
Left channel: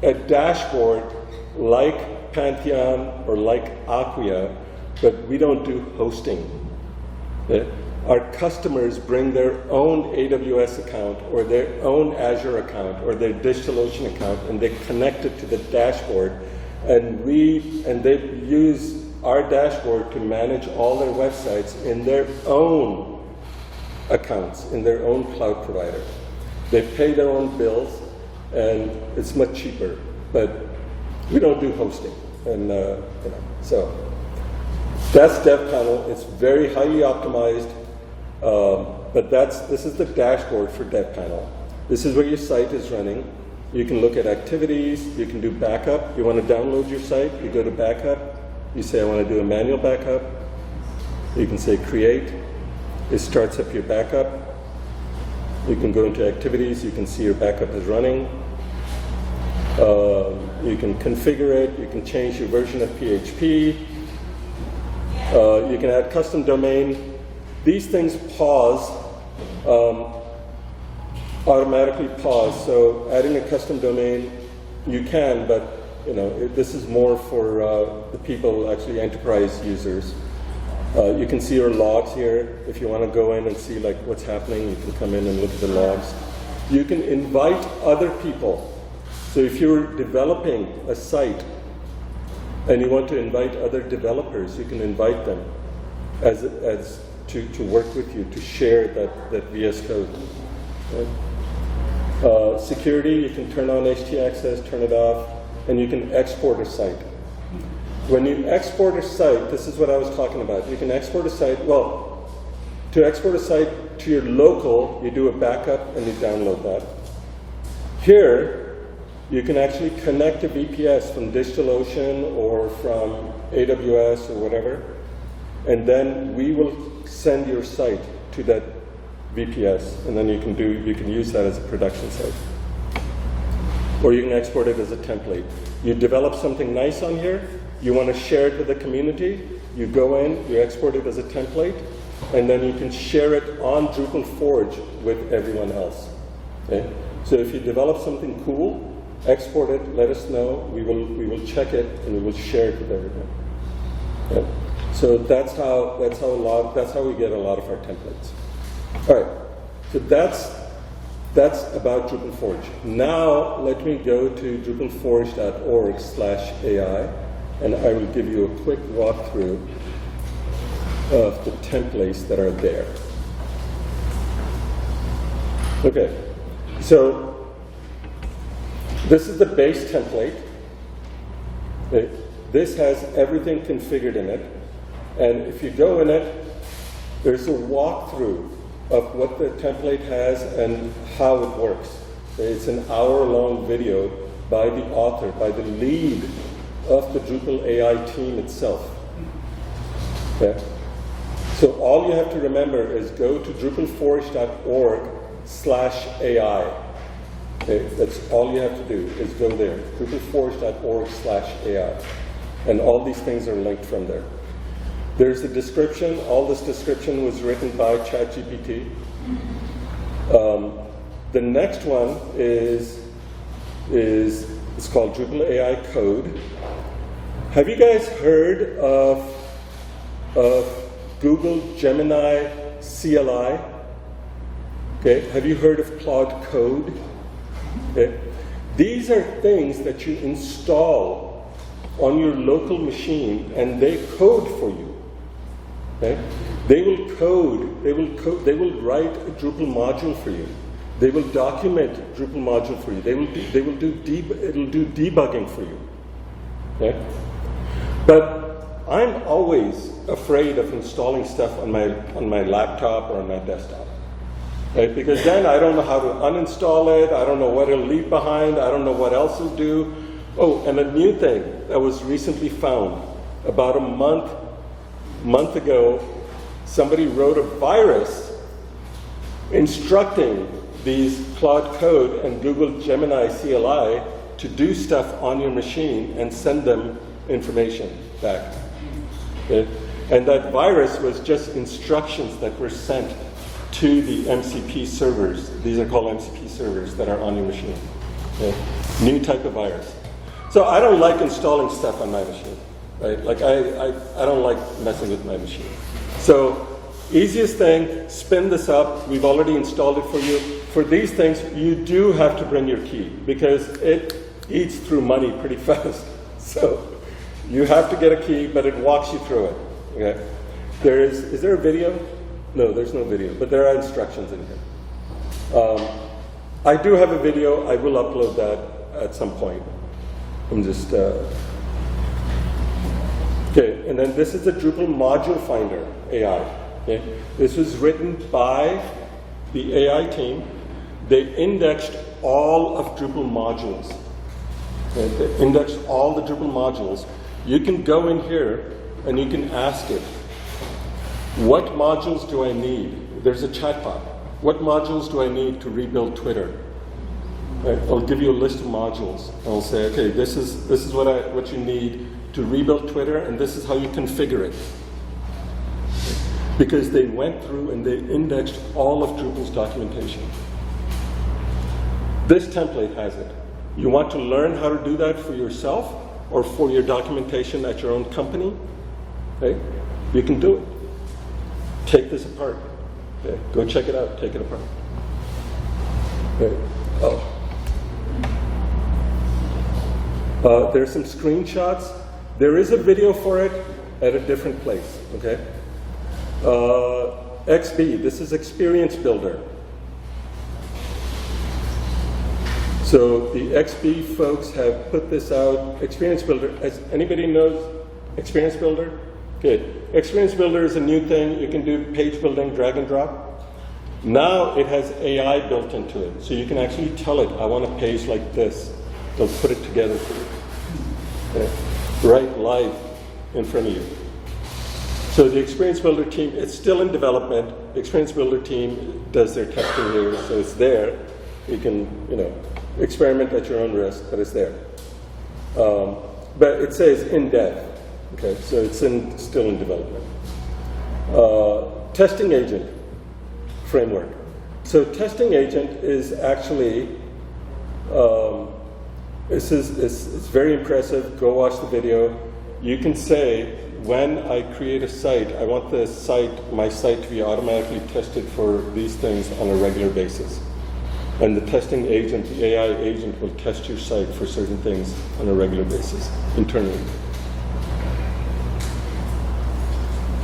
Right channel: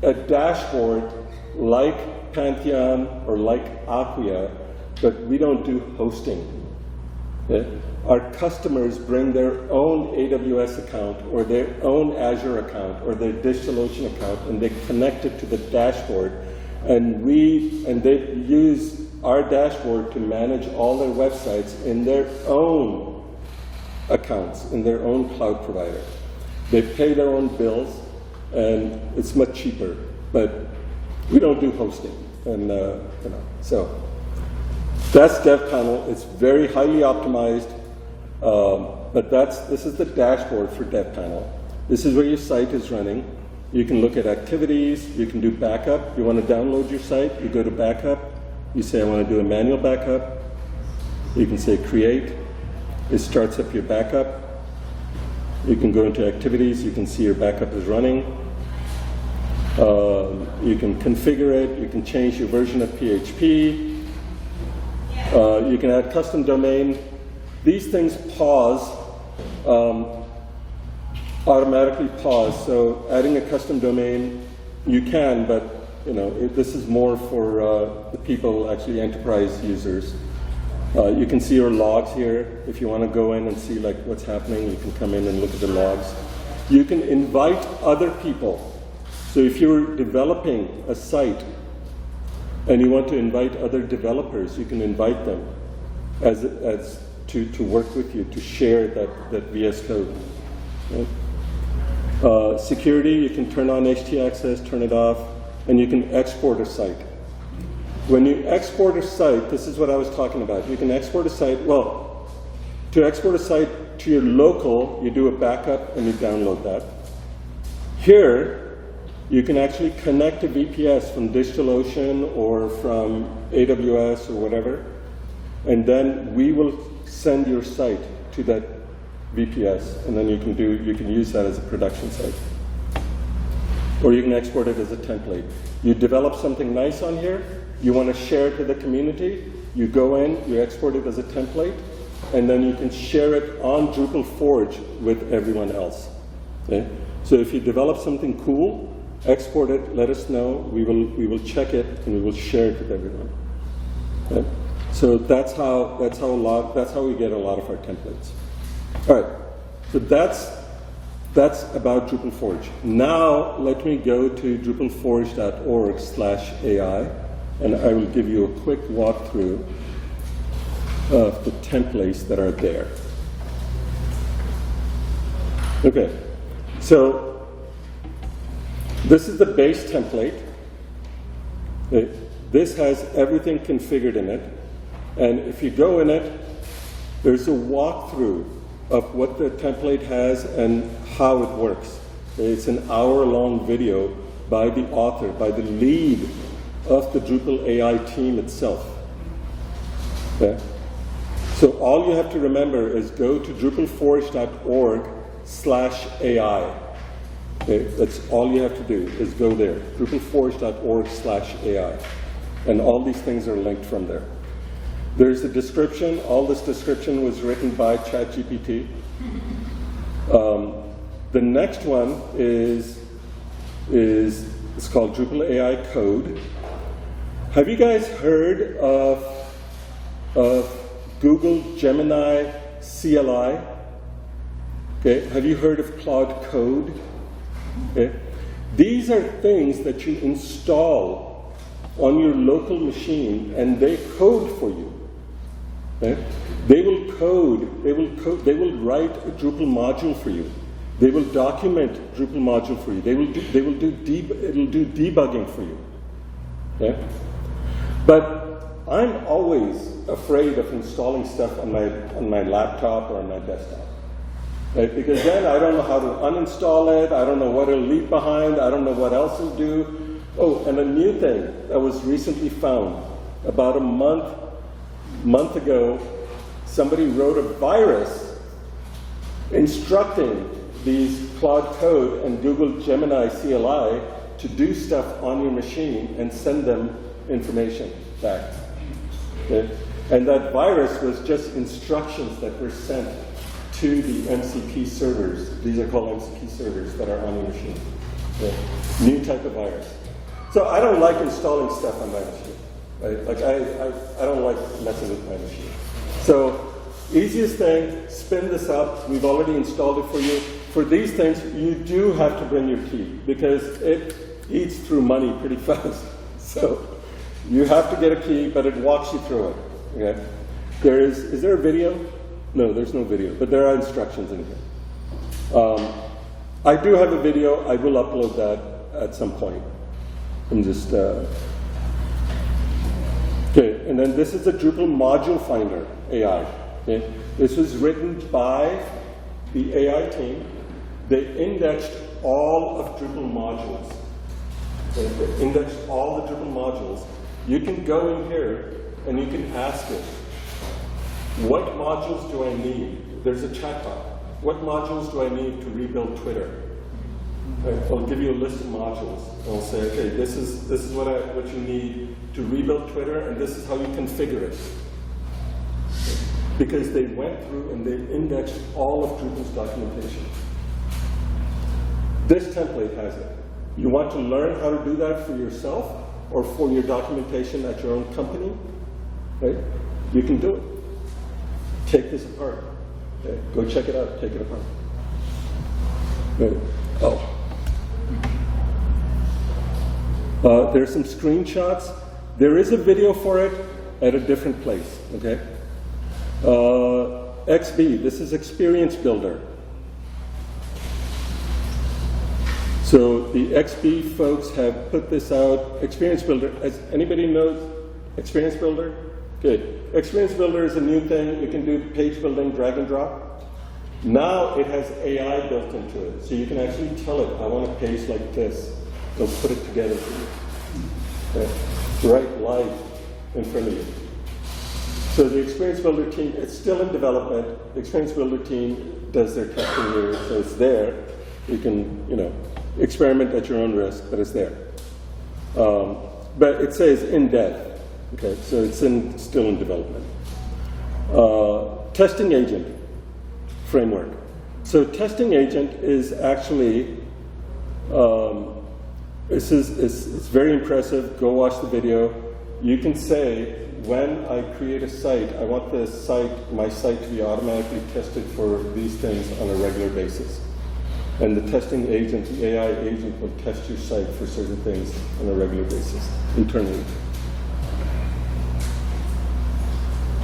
a dashboard like Pantheon or like Acquia, but we don't do hosting. Okay? Our customers bring their own AWS account or their own Azure account or their DigitalOcean account, and they connect it to the dashboard, and they use our dashboard to manage all their websites in their own accounts, in their own cloud provider. They pay their own bills, and it's much cheaper, but we don't do hosting, and so that's Dev Panel. It's very highly optimized, but this is the dashboard for Dev Panel. This is where your site is running. You can look at activities. You can do backup. You want to download your site. You go to backup. You say I want to do a manual backup. You can say create. It starts up your backup. You can go into activities. You can see your backup is running. You can configure it, you can change your version of PHP, you can add custom domain. These things pause, automatically pause, so adding a custom domain, you can, but this is more for the people, actually enterprise users. You can see your logs here. If you want to go in and see like what's happening, you can come in and look at the logs. You can invite other people. So if you're developing a site and you want to invite other developers, you can invite them as to work with you, to share that VS Code. Right? Security, you can turn on htaccess, turn it off, and you can export a site. When you export a site, this is what I was talking about. You can export a site, to export a site to your local, you do a backup and you download that. Here, you can actually connect a VPS from DigitalOcean or from AWS or whatever, and then we will send your site to that VPS, and then you can use that as a production site. or you can export it as a template. You develop something nice on here, you want to share it with the community, you go in, you export it as a template, and then you can share it on DrupalForge with everyone else. Okay? So if you develop something cool, export it, let us know, we will check it, and we will share it with everyone. Okay? So that's how we get a lot of our templates. All right, so that's about DrupalForge. Now let me go to drupalforge.org/AI, and I will give you a quick walkthrough of the templates that are there. Okay, so this is the base template. Okay. This has everything configured in it, and if you go in it, there's a walkthrough of what the template has and how it works. It's an hour-long video by the author, by the lead of the Drupal AI team itself. Okay? So all you have to remember is go to drupalforge.org/AI. Okay? That's all you have to do is go there, drupalforge.org/AI. And all these things are linked from there. There's a description. All this description was written by ChatGPT. The next one is it's called Drupal AI Code. Have you guys heard of Google Gemini CLI? Okay. Have you heard of Claude Code? Okay. These are things that you install on your local machine, and they code for you. Okay? They will write a Drupal module for you. They will document Drupal module for you. It'll do debugging for you. Okay? But I'm always afraid of installing stuff on my laptop or on my desktop. Right? Because then I don't know how to uninstall it, I don't know what it'll leave behind, I don't know what else it'll do. Oh, and a new thing that was recently found, about a month ago, somebody wrote a virus instructing these Claude Code and Google Gemini CLI to do stuff on your machine and send them information back. Okay? And that virus was just instructions that were sent to the MCP servers. These are called MCP servers that are on your machine. Okay? New type of virus. So I don't like installing stuff on my machine, right? Like I don't like messing with my machine. So easiest thing, spin this up. We've already installed it for you. For these things, you do have to bring your key because it eats through money pretty fast. So you have to get a key, but it walks you through it. Okay? Is there a video? No, there's no video, but there are instructions in here. I do have a video. I will upload that at some point. I'm just, okay, and then this is the Drupal Module Finder AI. Okay? This was written by the AI team. They indexed all of Drupal modules. Okay? They indexed all the Drupal modules. You can go in here and you can ask it, what modules do I need? There's a chatbot. What modules do I need to rebuild Twitter? Right? I'll give you a list of modules. I'll say, okay, this is what you need to rebuild Twitter, and this is how you configure it. Okay? Because they went through and they indexed all of Drupal's documentation. This template has it. You want to learn how to do that for yourself or for your documentation at your own company? Okay? You can do it. Take this apart. Okay? Go check it out. Take it apart. Okay. Oh. There are some screenshots. There is a video for it at a different place, okay? XB, this is Experience Builder. So the XB folks have put this out. Experience Builder, anybody knows Experience Builder? Good. Experience Builder is a new thing. You can do page building, drag and drop. Now it has AI built into it. So you can actually tell it, I want a page like this. They'll put it together for you. Okay. Right live in front of you. So the Experience Builder team, it's still in development. The Experience Builder team does their testing here, so it's there. You can, experiment at your own risk, but it's there. But it says in dev, okay, so it's still in development. Testing agent framework. So testing agent is actually, it's very impressive. Go watch the video. You can say, when I create a site, I want my site to be automatically tested for these things on a regular basis. And the testing agent, the AI agent, will test your site for certain things on a regular basis internally.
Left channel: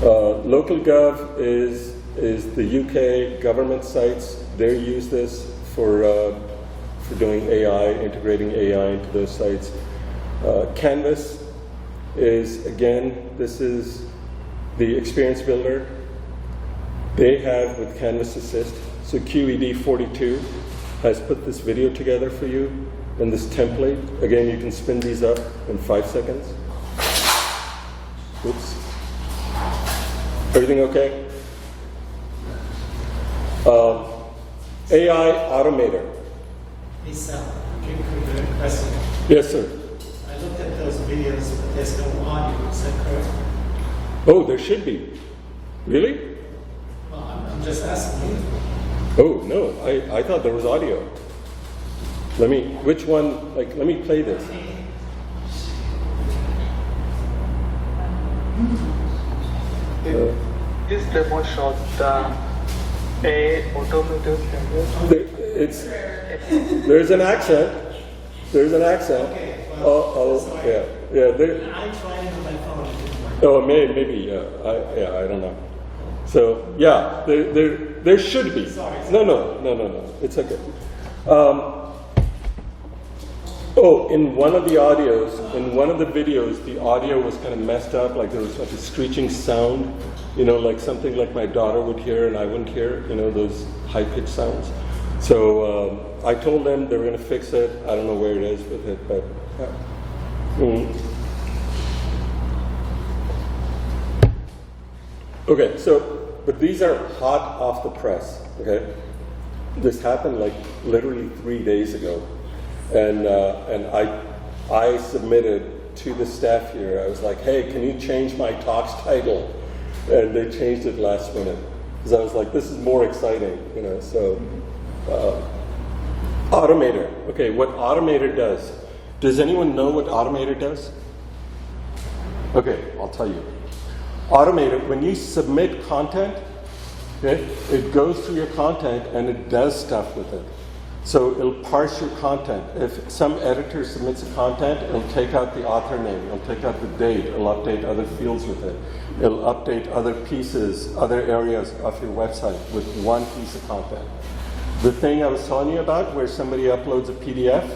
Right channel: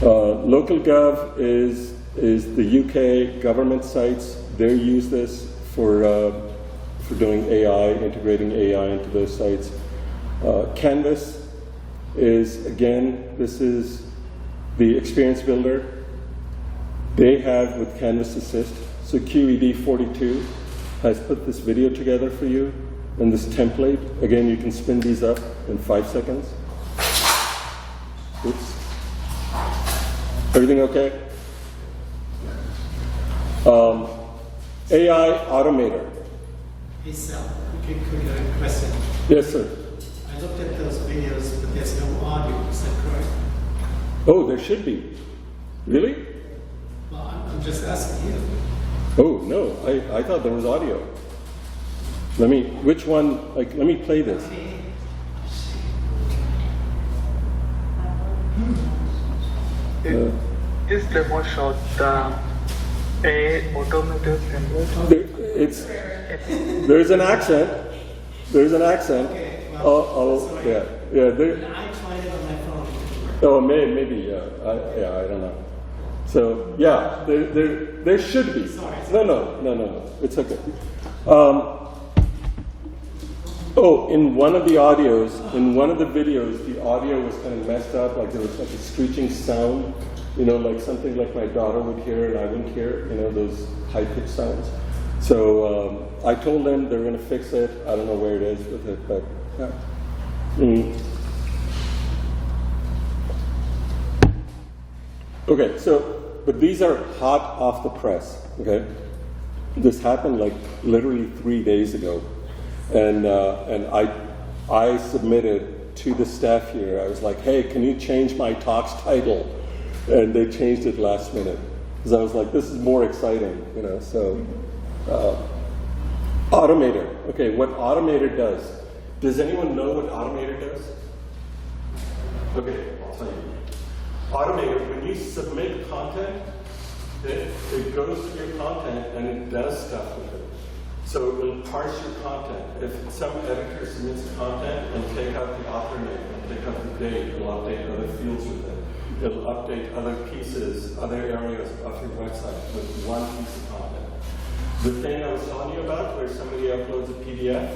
Local Gov is the UK government sites. They use this for doing AI, integrating AI into those sites. Canvas is, again, this is the experience builder. They have with Canvas Assist, so QED 42 has put this video together for you and this template. Again, you can spin these up in 5 seconds. Oops. Everything okay? AI Automator. Hey Sal, could you question? Yes, sir. I looked at those videos, but there's no audio, is that correct? Oh, there should be. Really? Well, I'm just asking you. Oh, no, I thought there was audio. Which one, let me play this. This demo showed the AI automated template. There's an accent. There's an accent. Okay, well, sorry. Yeah. I tried it on my phone, it didn't work. Oh, maybe, yeah. I don't know. So, yeah, there should be. Sorry. No. It's okay. In one of the audios, in one of the videos, the audio was kind of messed up, like there was like a screeching sound, like something like my daughter would hear and I wouldn't hear, those high-pitched sounds. So I told them they were going to fix it. I don't know where it is with it, but yeah. Okay, but these are hot off the press, okay? This happened like literally 3 days ago. And I submitted to the staff here, I was like, hey, can you change my talk's title? And they changed it last minute. Because I was like, this is more exciting, so. Automator. Okay, what Automator does. Does anyone know what Automator does? Okay, I'll tell you. Automator, when you submit content, it goes through your content and it does stuff with it. So it'll parse your content. If some editor submits a content, it'll take out the author name, it'll take out the date, it'll update other fields with it. It'll update other pieces, other areas of your website with one piece of content. The thing I was telling you about where somebody uploads a PDF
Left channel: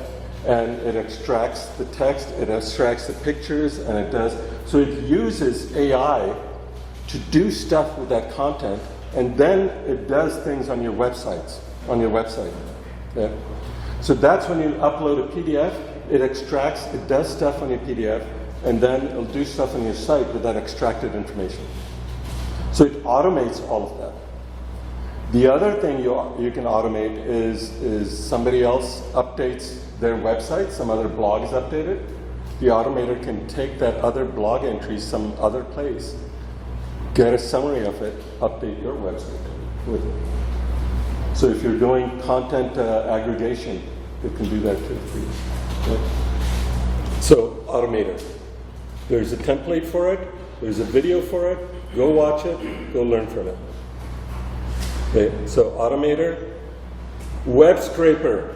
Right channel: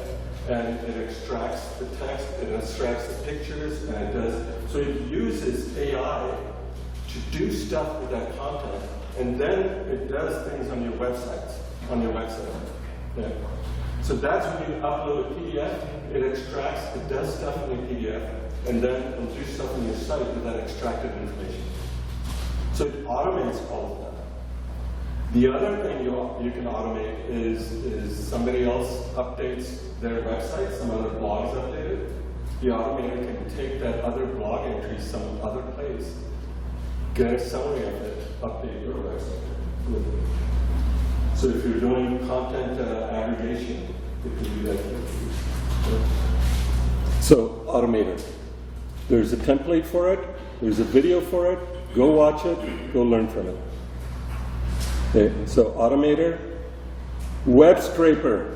and it extracts the text, it extracts the pictures, and it does. So it uses AI to do stuff with that content, and then it does things on your website. Yeah. So that's when you upload a PDF, it extracts, it does stuff on your PDF, and then it'll do stuff on your site with that extracted information. So it automates all of that. The other thing you can automate is somebody else updates their website, some other blog is updated. The automator can take that other blog entry some other place, get a summary of it, update your website with it. So if you're doing content aggregation, it can do that for you. Yeah. So Automator. There's a template for it. There's a video for it. Go watch it. Go learn from it. Okay. So Automator. Web scraper.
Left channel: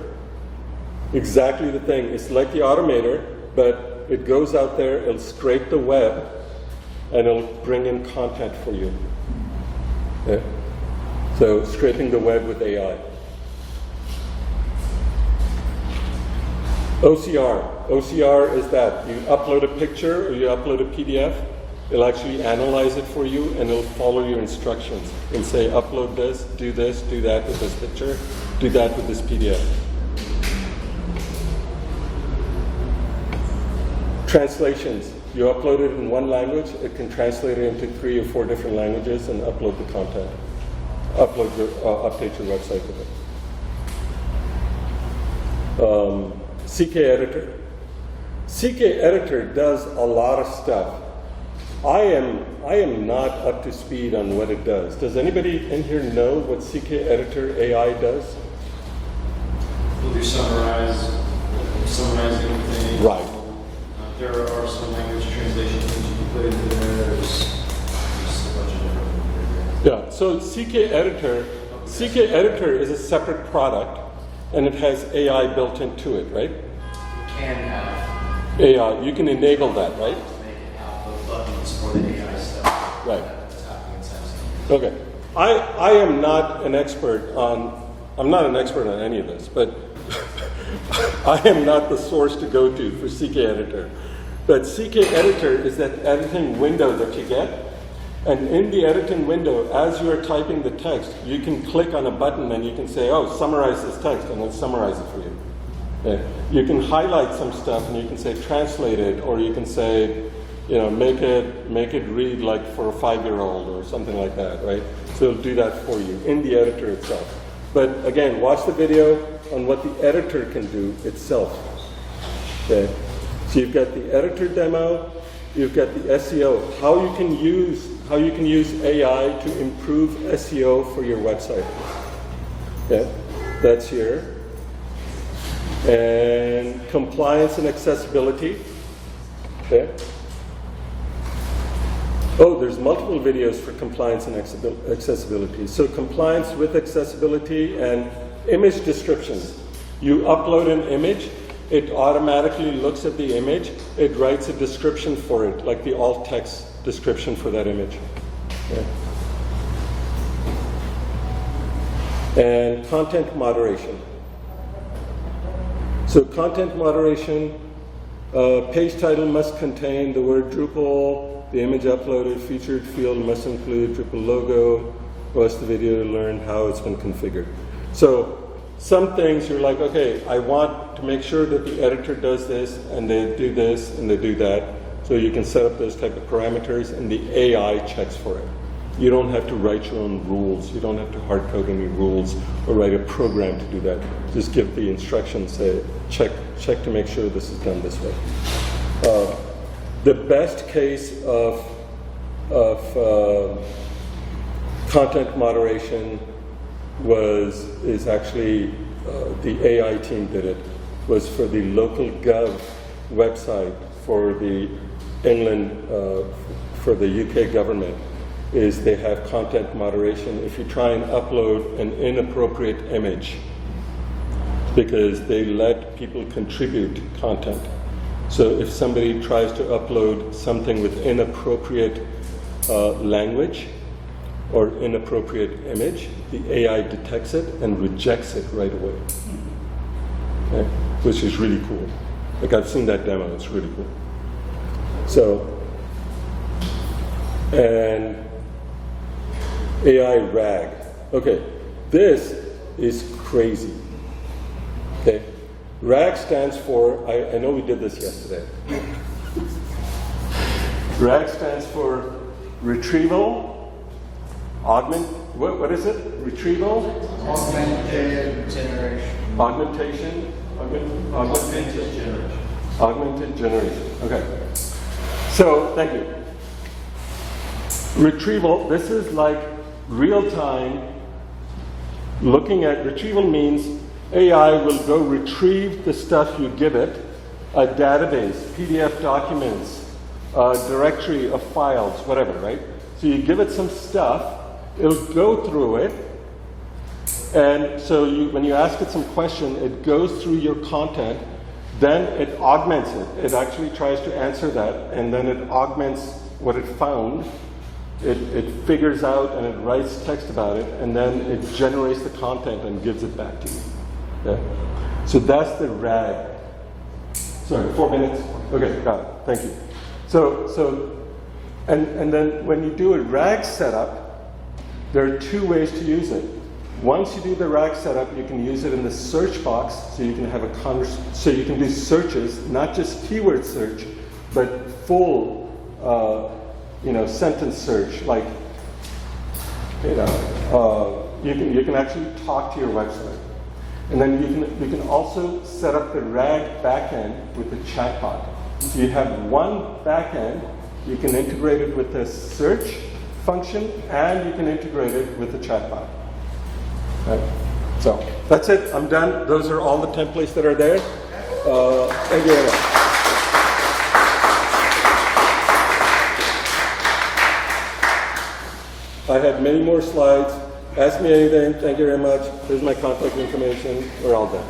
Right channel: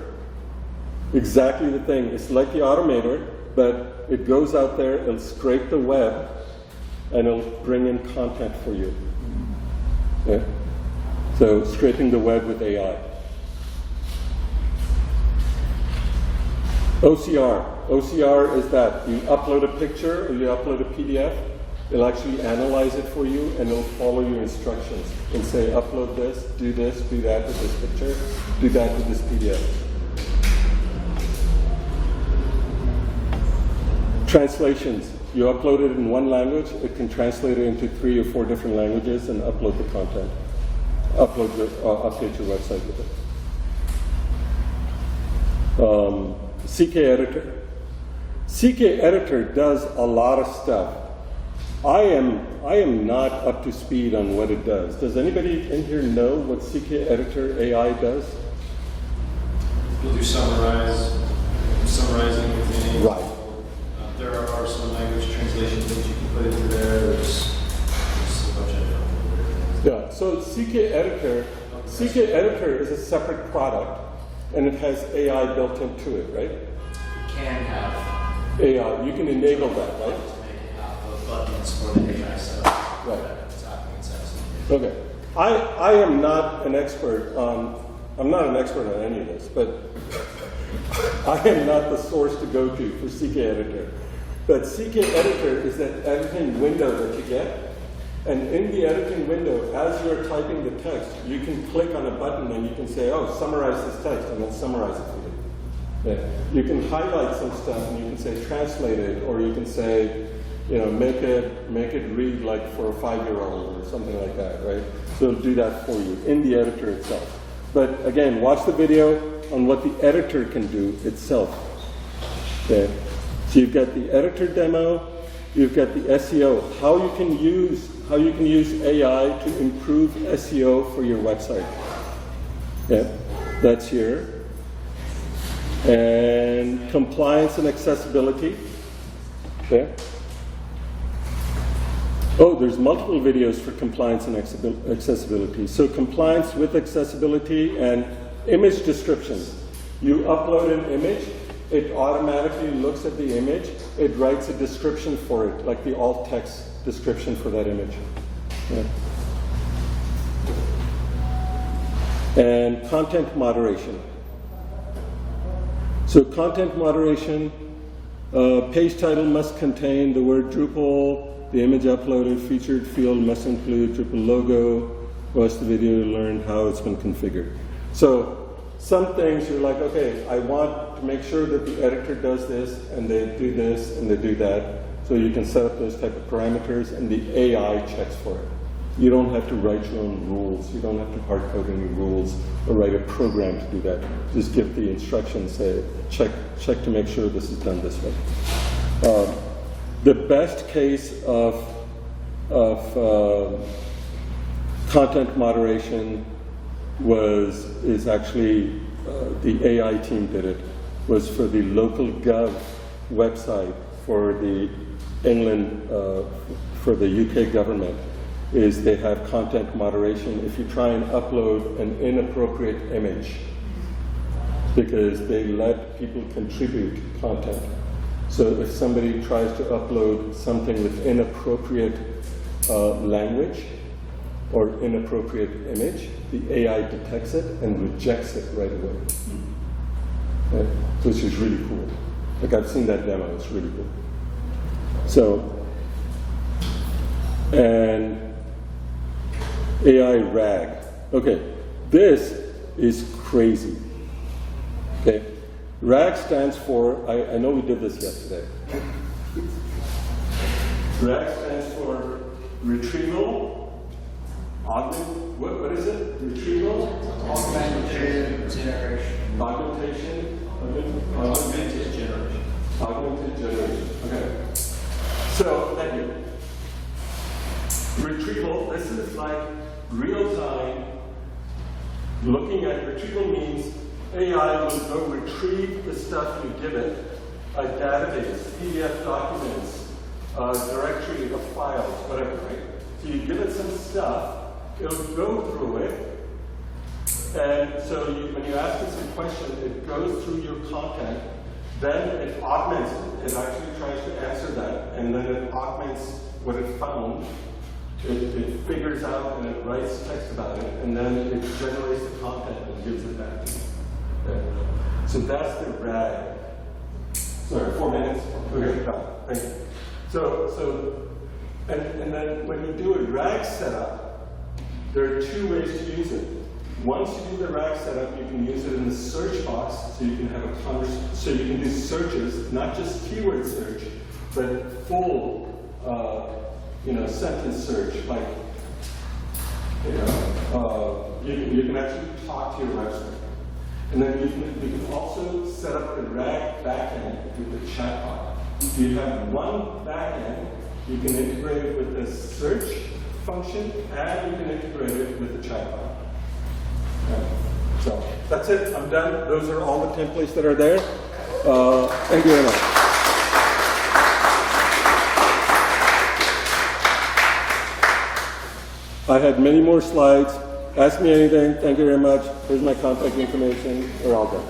Exactly the thing. It's like the Automator, but it goes out there, it'll scrape the web, and it'll bring in content for you. Okay. So scraping the web with AI. OCR. OCR is that you upload a picture or you upload a PDF, it'll actually analyze it for you and it'll follow your instructions and say upload this, do that with this picture, do that with this PDF. Translations. You upload it in one language, it can translate it into 3 or 4 different languages and upload the content. Update your website with it. CK Editor. CK Editor does a lot of stuff. I am not up to speed on what it does. Does anybody in here know what CK Editor AI does? We'll do summarizing things. Right. There are some language translation things you can put into there. There's a bunch of different. Yeah, so CK Editor is a separate product, and it has AI built into it, right? Can have AI, you can enable that, right? make it have the buttons for the AI stuff. Right. That's happening inside. Okay. I am not an expert on, I'm not an expert on any of this, but I am not the source to go to for CK Editor. But CK Editor is that editing window that you get. And in the editing window, as you are typing the text, you can click on a button and you can say, oh, summarize this text, and it'll summarize it for you. Yeah. You can highlight some stuff and you can say translate it, or you can say, you know, make it read like for a 5-year-old or something like that, right? So it'll do that for you in the editor itself. But again, watch the video on what the editor can do itself. Okay. So you've got the editor demo, you've got the SEO, how you can use AI to improve SEO for your website. Yeah, that's here. And compliance and accessibility. Okay. Oh, there's multiple videos for compliance and accessibility. So compliance with accessibility and image descriptions. You upload an image, it automatically looks at the image, it writes a description for it, like the alt text description for that image. Yeah. And content moderation. So content moderation, page title must contain the word Drupal, the image uploaded, featured field must include Drupal logo, watch the video to learn how it's been configured. So some things you're like, okay, I want to make sure that the editor does this, and they do this, and they do that. So you can set up those type of parameters, and the AI checks for it. You don't have to write your own rules. You don't have to hard code any rules or write a program to do that. Just give the instructions, say, check to make sure this is done this way. The best case of content moderation is actually the AI team did it, was for the local gov website for the England, for the UK government, is they have content moderation if you try and upload an inappropriate image, because they let people contribute content. So if somebody tries to upload something with inappropriate language or inappropriate image, the AI detects it and rejects it right away. Okay? Which is really cool. Like, I've seen that demo, it's really cool. So, and AI RAG. Okay, this is crazy. Okay, RAG stands for, I know we did this yesterday. RAG stands for retrieval, what is it? Retrieval? Augmented generation. Augmented generation. Okay. So, thank you. Retrieval, this is like real-time looking at, retrieval means AI will go retrieve the stuff you give it, a database, PDF documents, a directory of files, whatever, right? So you give it some stuff, it'll go through it, and so when you ask it some question, it goes through your content, then it augments it. It actually tries to answer that, and then it augments what it found. It figures out and it writes text about it, and then it generates the content and gives it back to you. Okay? So that's the RAG. Sorry, 4 minutes? Okay, got it. Thank you. And then when you do a RAG setup, there are 2 ways to use it. Once you do the RAG setup, you can use it in the search box, so you can have so you can do searches, not just keyword search, but full sentence search, like, you can actually talk to your website. And then you can also set up the RAG backend with the chatbot. If you have one backend, you can integrate it with the search function, and you can integrate it with the chatbot. Right? So that's it. I'm done. Those are all the templates that are there. Thank you very much. I had many more slides. Ask me anything. Thank you very much. Here's my contact information. We're all done.